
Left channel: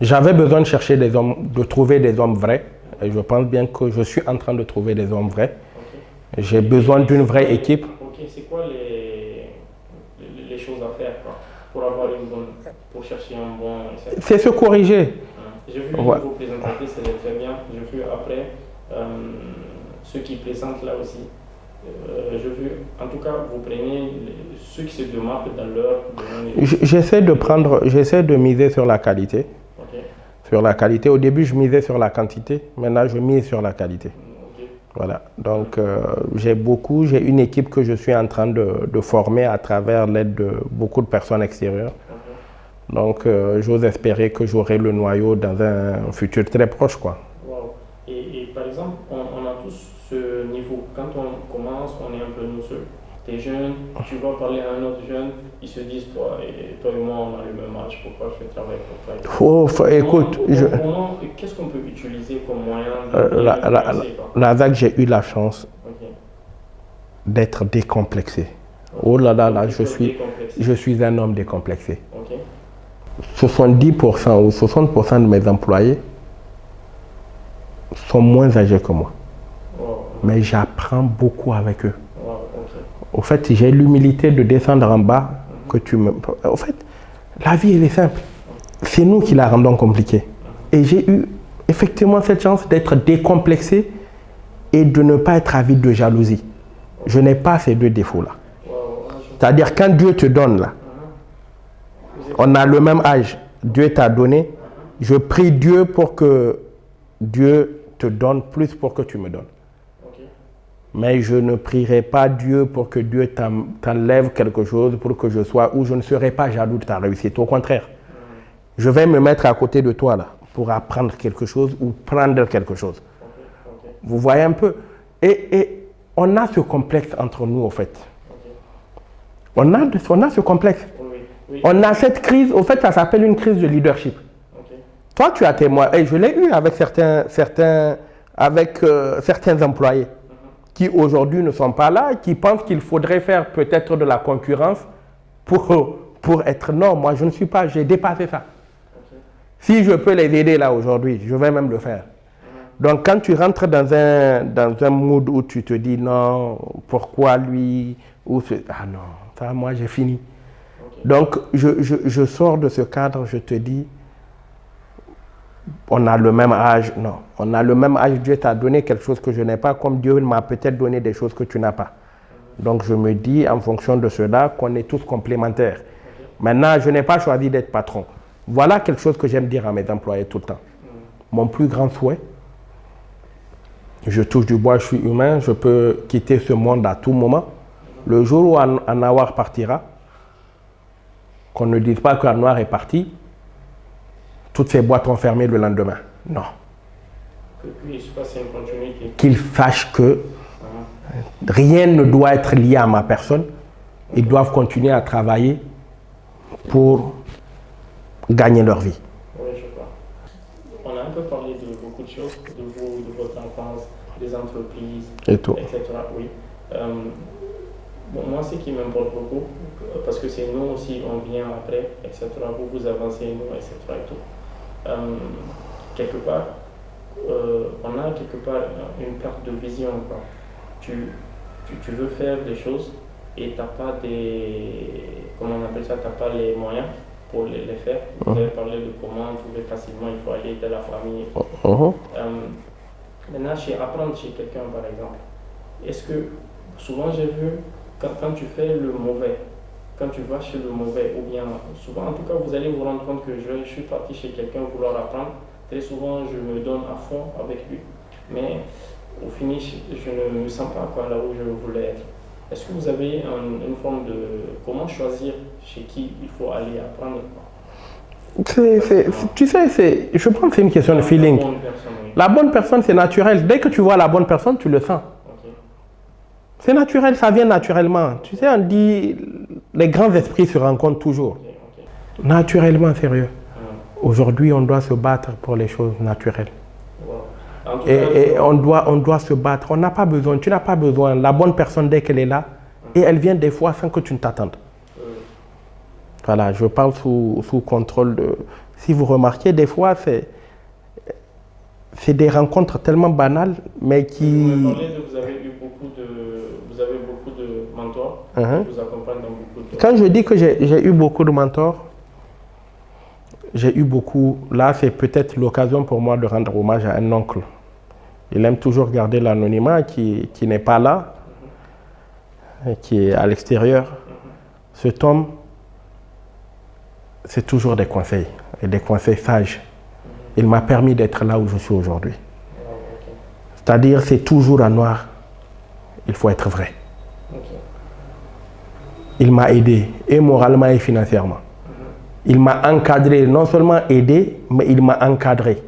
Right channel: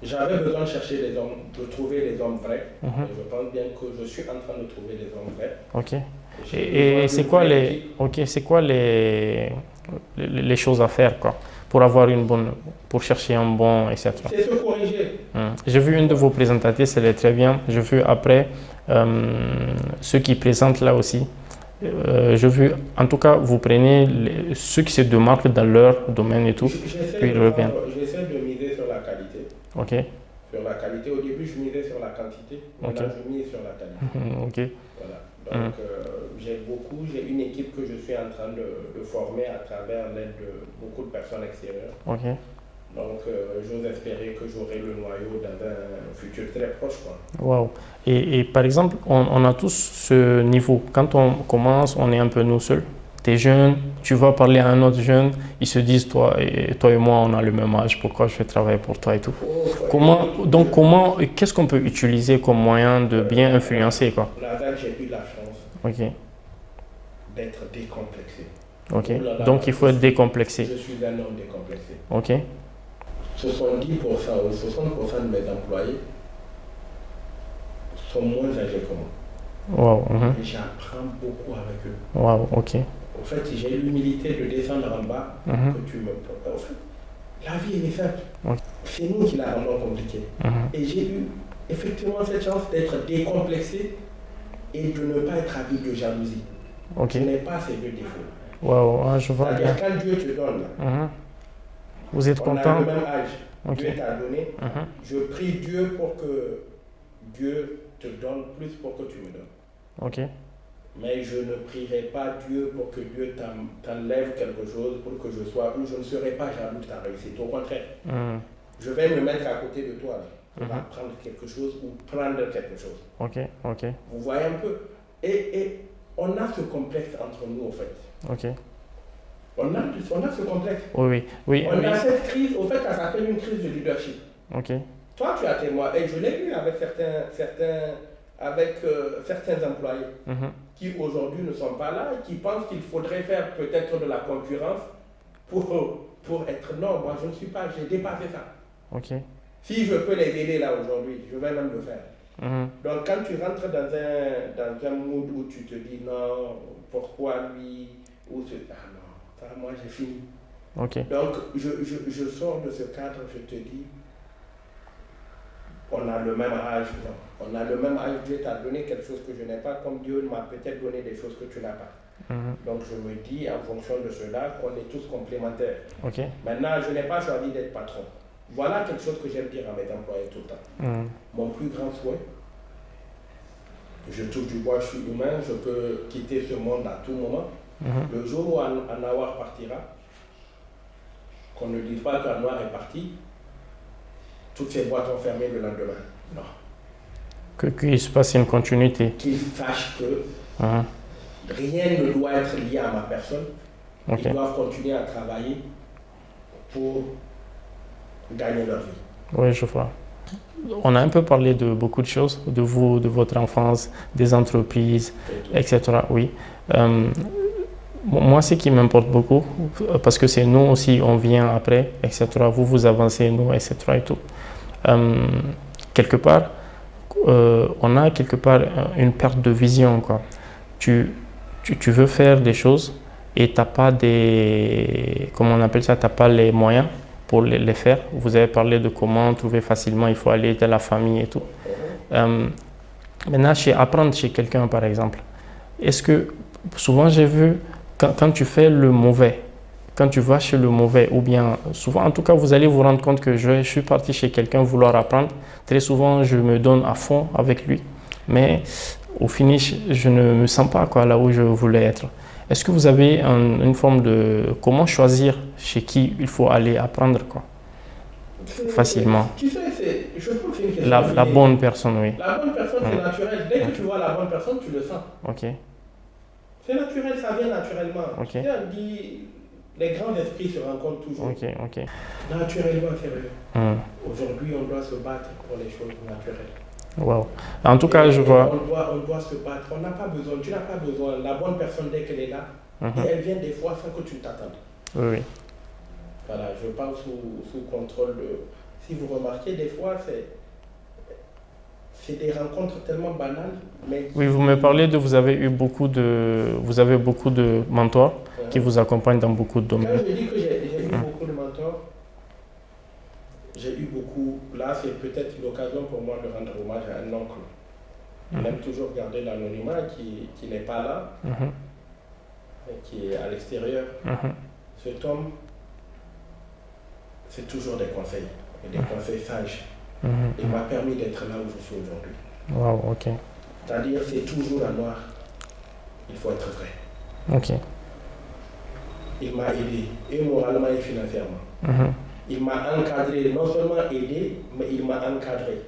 j'avais besoin de chercher des hommes, de trouver des hommes vrais. Et je pense bien que je suis en train de trouver des hommes vrais. Ok. J'ai besoin c'est d'une quoi vraie les- équipe. Ok. C'est quoi les choses à faire, quoi, pour avoir une bonne, pour chercher un bon, etc. C'est se corriger. J'ai vu une Ouais. de vos présentatrices, elle est très bien. J'ai vu après ceux qui présentent là aussi. J'ai vu, en tout cas, vous prenez ceux qui se démarquent dans leur domaine et tout. J'essaie de Et le j'essaie de miser sur la qualité. Ok. Sur la qualité. Au début, je misais sur la quantité. Maintenant, je mise sur la qualité. Ok. Voilà. Donc, j'ai une équipe que je suis en train de former à travers l'aide de beaucoup de personnes extérieures. Ok. Donc, j'ose espérer que j'aurai le noyau dans un futur très proche, quoi. Wow. Et par exemple, on a tous ce niveau. Quand on commence, on est un peu nous seuls. Tu es jeune, tu vas parler à un autre jeune, ils se disent, toi et moi, on a le même âge, pourquoi je vais travailler pour toi et tout. Qu'est-ce qu'on peut utiliser comme moyen de bien influencer, quoi? Razak, j'ai eu la chance Ok. d'être décomplexé. Ok. Oh là là, Donc là, il faut être décomplexé. Je suis un homme décomplexé. Ok. 70% ou 60% de mes employés sont moins âgés que moi. Wow. Mais j'apprends beaucoup avec eux. Wow. Ok. Au fait, j'ai l'humilité de descendre en bas. Au fait, la vie, elle est simple. C'est nous qui la rendons compliquée. Et j'ai eu effectivement cette chance d'être décomplexé et de ne pas être avide de jalousie. Je n'ai pas ces deux défauts-là. Wow. C'est-à-dire, quand Dieu te donne, là, on a le même âge. Dieu t'a donné. Je prie Dieu pour que Dieu te donne plus pour que tu me donnes. Ok. Mais je ne prierai pas Dieu pour que Dieu t'enlève quelque chose, pour que je sois, ou je ne serai pas jaloux de ta réussite. Au contraire, je vais me mettre à côté de toi là, pour apprendre quelque chose ou prendre quelque chose. Ok, ok. Vous voyez un peu? Et on a ce complexe entre nous, en fait. Ok. On a ce complexe. Oui, oui. On a cette crise, au fait, ça s'appelle une crise de leadership. Ok. Toi, tu as témoin, et je l'ai eu avec certains employés qui aujourd'hui ne sont pas là, qui pensent qu'il faudrait faire peut-être de la concurrence pour être... Non, moi, je ne suis pas, j'ai dépassé ça. Ok. Si je peux les aider là aujourd'hui, je vais même le faire. Donc, quand tu rentres dans un mood où tu te dis non, pourquoi lui ah non, ça, moi j'ai fini. Ok. Donc, je sors de ce cadre, je te dis, on a le même âge. Non, on a le même âge. Dieu t'a donné quelque chose que je n'ai pas, comme Dieu m'a peut-être donné des choses que tu n'as pas. Donc, je me dis, en fonction de cela, qu'on est tous complémentaires. Ok. Maintenant, je n'ai pas choisi d'être patron. Voilà quelque chose que j'aime dire à mes employés tout le temps. Mon plus grand souhait, je touche du bois, je suis humain, je peux quitter ce monde à tout moment. Le jour où Anouar partira, qu'on ne dise pas qu'Anouar est parti, toutes ces boîtes ont fermé le lendemain. Non. Qu'il se passe une continuité. Qu'ils sachent que rien ne doit être lié à ma personne. Ils doivent continuer à travailler pour gagner leur vie. Oui, je vois. On a un peu parlé de beaucoup de choses, de vous, de votre enfance, des entreprises, etc. Oui. Moi, ce qui m'importe beaucoup, parce que c'est nous aussi, on vient après, etc. Vous, vous avancez, nous, etc. Et tout. Quelque part, on a quelque part une perte de vision, quoi. Tu veux faire des choses et tu n'as pas des... Comment on appelle ça? Tu n'as pas les moyens pour les faire. Vous avez parlé de comment trouver facilement, il faut aller dans la famille et tout. Maintenant, apprendre chez quelqu'un, par exemple, est-ce que, souvent j'ai vu, quand tu fais le mauvais, quand tu vas chez le mauvais, ou bien, souvent en tout cas, vous allez vous rendre compte que je suis parti chez quelqu'un vouloir apprendre, très souvent je me donne à fond avec lui, mais au finish, je ne me sens pas quoi, là où je voulais être. Est-ce que vous avez une forme de... Comment choisir chez qui il faut aller apprendre, quoi? Facilement. Tu sais, je pense que c'est une question de feeling. La bonne personne, oui. La bonne personne, c'est naturel. Dès que tu vois la bonne personne, tu le sens. Ok. C'est naturel, ça vient naturellement. Ok. Tu sais, on dit, les grands esprits se rencontrent toujours. Ok, ok. Naturellement, sérieux. Aujourd'hui, on doit se battre pour les choses naturelles. Wow. En tout cas, on doit se battre. On n'a pas besoin, tu n'as pas besoin. La bonne personne, dès qu'elle est là, et elle vient des fois sans que tu ne t'attendes. Oui, oui. Voilà, je parle sous contrôle de... Si vous remarquez, des fois, c'est des rencontres tellement banales, mais qui... Oui, vous me parlez de... Vous avez beaucoup de mentors qui vous accompagnent dans beaucoup de domaines. Quand je dis que j'ai eu beaucoup de mentors, j'ai eu beaucoup... Là, c'est peut-être l'occasion pour moi de rendre hommage à un oncle. Il aime toujours garder l'anonymat, qui n'est pas là, qui est à l'extérieur. Cet homme, c'est toujours des conseils, et des conseils sages. Il m'a permis d'être là où je suis aujourd'hui. Wow, ok. C'est-à-dire, c'est toujours à noir. Il faut être vrai. Ok. Il m'a aidé, et moralement et financièrement. Il m'a encadré, non seulement aidé, mais il m'a encadré.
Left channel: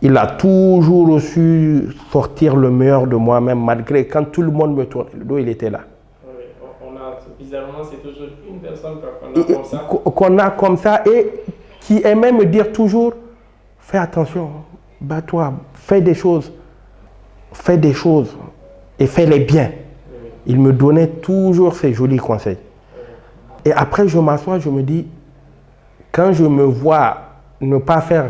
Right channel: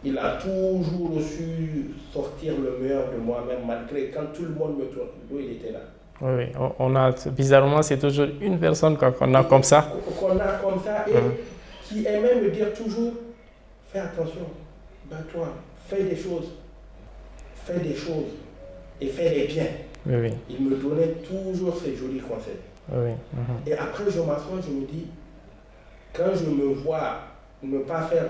Il a toujours su sortir le meilleur de moi-même, malgré quand tout le monde me tourne le dos, il était là. Oui, oui. On a, bizarrement, c'est toujours une personne qu'on a comme ça. Qu'on a comme ça et qui aimait me dire toujours, fais attention, bats-toi, fais des choses et fais-les bien. Oui, oui. Il me donnait toujours ces jolis conseils. Oui. Et après, je m'assois, je me dis, quand je me vois ne pas faire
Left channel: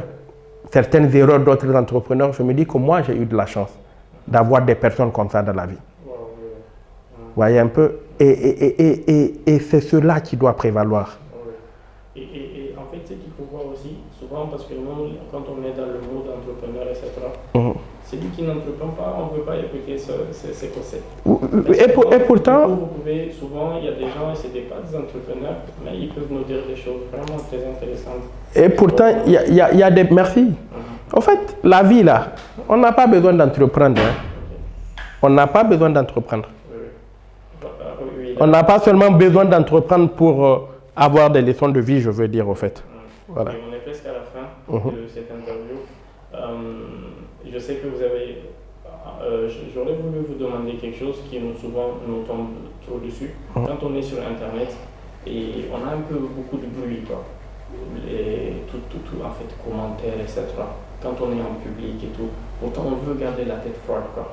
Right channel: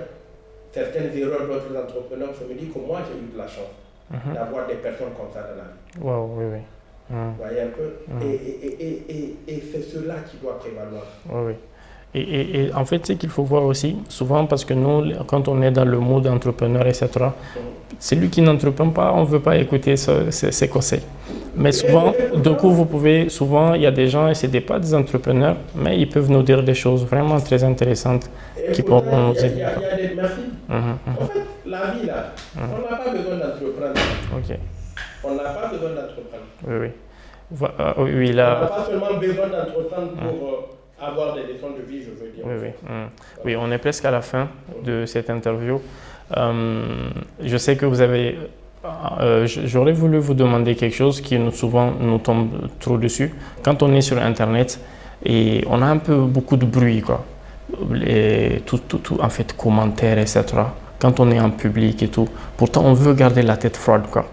certaines erreurs d'autres entrepreneurs, je me dis que moi, j'ai eu de la chance d'avoir des personnes comme ça dans la vie. Wow, oui, oui. Vous voyez un peu? Et c'est cela qui doit prévaloir. Oui, oui. Et en fait, ce qu'il faut voir aussi, souvent, parce que nous, quand on est dans le mode entrepreneur, etc., celui qui n'entreprend pas, on ne veut pas écouter ses conseils. Mais souvent, pourtant, du coup, vous pouvez, souvent, il y a des gens, et ce n'est pas des entrepreneurs, mais ils peuvent nous dire des choses vraiment très intéressantes. Et pourtant, il y a des... Merci. En fait, la vie, là, on n'a pas besoin d'entreprendre. On n'a pas besoin d'entreprendre. Oui, oui. Oui, là... On n'a pas seulement besoin d'entreprendre pour avoir des leçons de vie, je veux dire, au fait. Voilà. Oui, on est presque à la fin de cette interview. Je sais que vous avez... J'aurais voulu vous demander quelque chose qui souvent nous tombe trop dessus. Quand on est sur Internet et on a un peu beaucoup de bruit, quoi. En fait, commentaires, etc. Quand on est en public et tout. Pourtant, on veut garder la tête froide, quoi.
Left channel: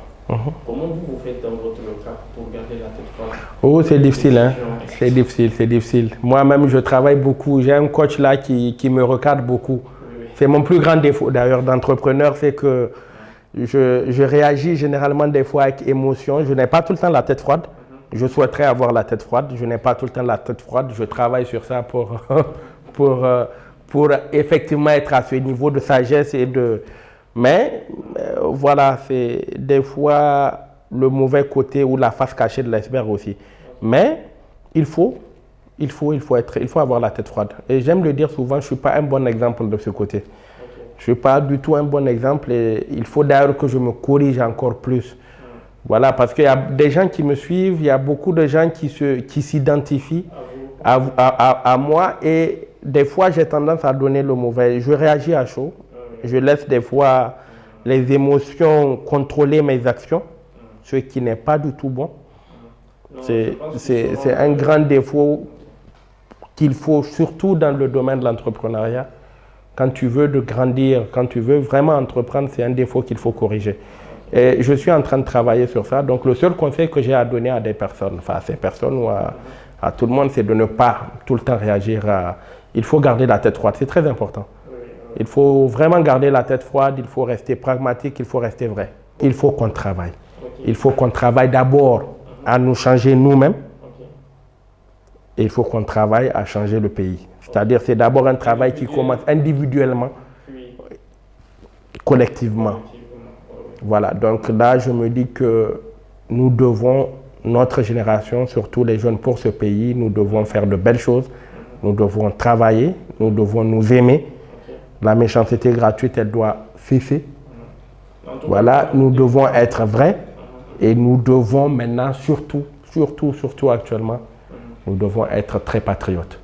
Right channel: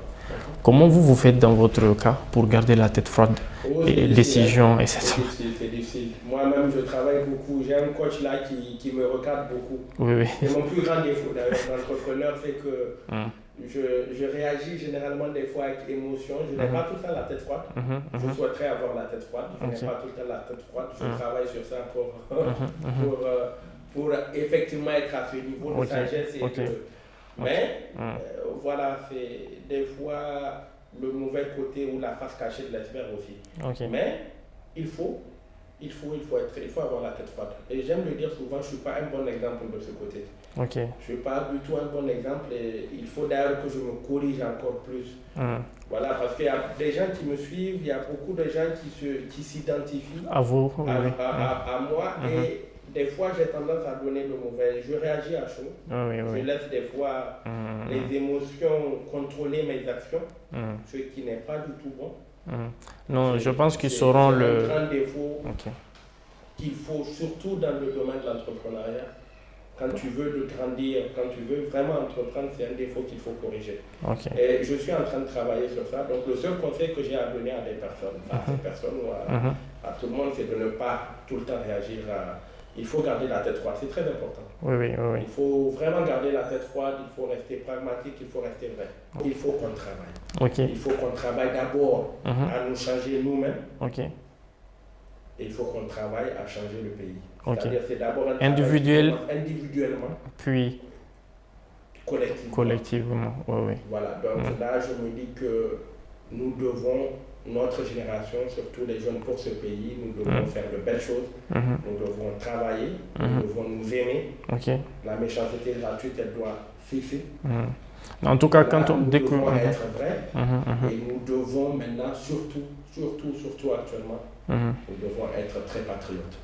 Comment vous faites dans votre cas pour garder la tête froide? Oh, c'est difficile. Hein. C'est difficile, c'est difficile. Moi-même, je travaille beaucoup. J'ai un coach là qui me recadre beaucoup. Oui, oui. C'est mon plus grand défaut d'ailleurs d'entrepreneur, c'est que je réagis généralement des fois avec émotion. Je n'ai pas tout le temps la tête froide. Je souhaiterais avoir la tête froide. Je n'ai pas tout le temps la tête froide. Je travaille sur ça pour effectivement être à ce niveau de sagesse et de... Mais voilà, c'est des fois le mauvais côté ou la face cachée de l'iceberg aussi. Mais il faut avoir la tête froide. Et j'aime le dire souvent, je ne suis pas un bon exemple de ce côté. Je ne suis pas du tout un bon exemple et il faut d'ailleurs que je me corrige encore plus. Voilà, parce qu'il y a des gens qui me suivent, il y a beaucoup de gens qui s'identifient à moi et des fois j'ai tendance à donner le mauvais. Je réagis à chaud, je laisse des fois les émotions contrôler mes actions, ce qui n'est pas du tout bon. Non, je pense qu'ils c'est un grand défaut qu'il faut, surtout dans le domaine de l'entrepreneuriat. Quand tu veux de grandir, quand tu veux vraiment entreprendre, c'est un défaut qu'il faut corriger. Et je suis en train de travailler sur ça. Donc, le seul conseil que j'ai à donner à des personnes, enfin à ces personnes ou à tout le monde, c'est de ne pas tout le temps réagir à... Il faut garder la tête froide, c'est très important. Il faut vraiment garder la tête froide, il faut rester pragmatique, il faut rester vrai. Il faut qu'on travaille. Il faut qu'on travaille d'abord à nous changer nous-mêmes. Et il faut qu'on travaille à changer le pays. C'est-à-dire c'est d'abord un travail qui commence individuellement, puis collectivement. Voilà, donc là je me dis que nous devons, notre génération, surtout les jeunes pour ce pays, nous devons faire de belles choses, nous devons travailler, nous devons nous aimer. La méchanceté gratuite, elle doit cesser. En tout cas, voilà, nous devons être vrais et nous devons maintenant surtout actuellement, nous devons être très patriotes.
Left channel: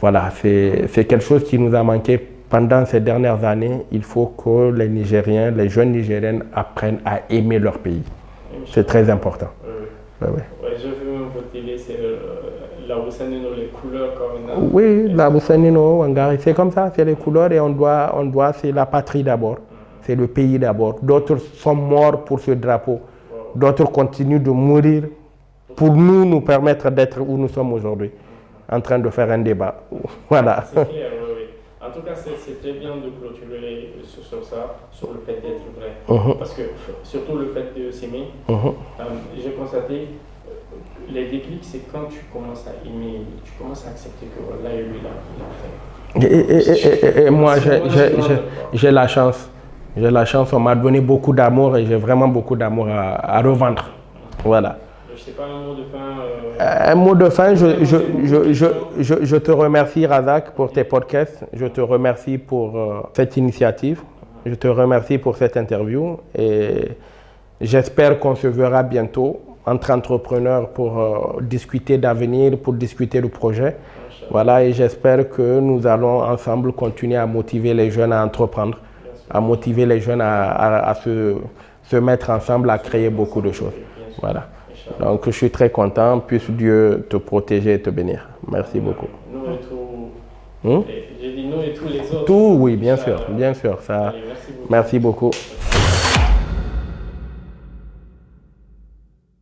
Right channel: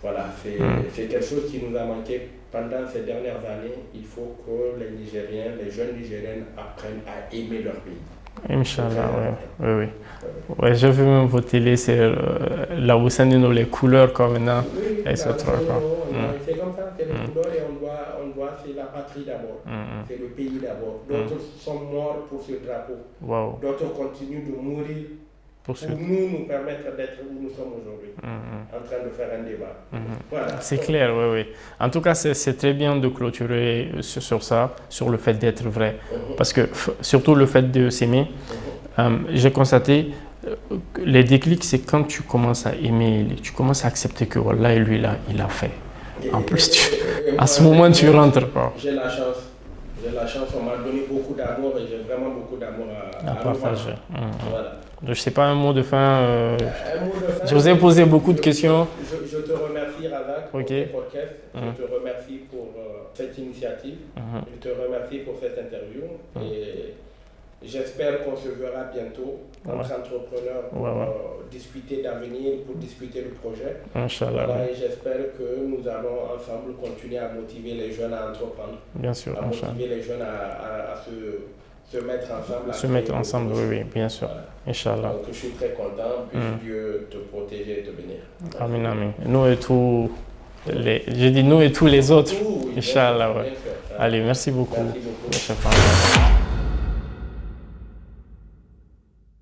Voilà, c'est quelque chose qui nous a manqué pendant ces dernières années. Il faut que les Nigériens, les jeunes Nigériennes apprennent à aimer leur pays. C'est très important. Ouais, j'ai vu même vos télés, c'est la Wusanino, les couleurs comme maintenant. Oui, la Wusanino, c'est comme ça, c'est les couleurs et on doit c'est la patrie d'abord, c'est le pays d'abord. D'autres sont morts pour ce drapeau, d'autres continuent de mourir pour nous permettre d'être où nous sommes aujourd'hui, en train de faire un débat. Voilà. C'est clair, oui. En tout cas, c'est très bien de clôturer sur ça, sur le fait d'être vrai. Parce que, surtout le fait de s'aimer, j'ai constaté, les déclics, c'est quand tu commences à aimer, tu commences à accepter que voilà, lui, là, il a fait. Et moi, j'ai la chance. J'ai la chance, on m'a donné beaucoup d'amour et j'ai vraiment beaucoup d'amour à revendre. Voilà. Je ne sais pas, un mot de fin. Un mot de fin. Je vous ai posé beaucoup de questions. Je te remercie, Razak, pour tes podcasts. Je te remercie pour cette initiative. Je te remercie pour cette interview. Et j'espère qu'on se verra bientôt entre entrepreneurs pour discuter d'avenir, pour discuter du projet. Voilà, et j'espère que nous allons ensemble continuer à motiver les jeunes à entreprendre, à motiver les jeunes à se mettre ensemble, à créer beaucoup de choses. Oui, bien sûr. Voilà. Donc, je suis très content. Puisse Dieu te protéger et te bénir. Merci beaucoup. Nous et tous j'ai dit nous et tous les autres. Tout, oui, bien sûr. Allez, merci beaucoup. Merci beaucoup.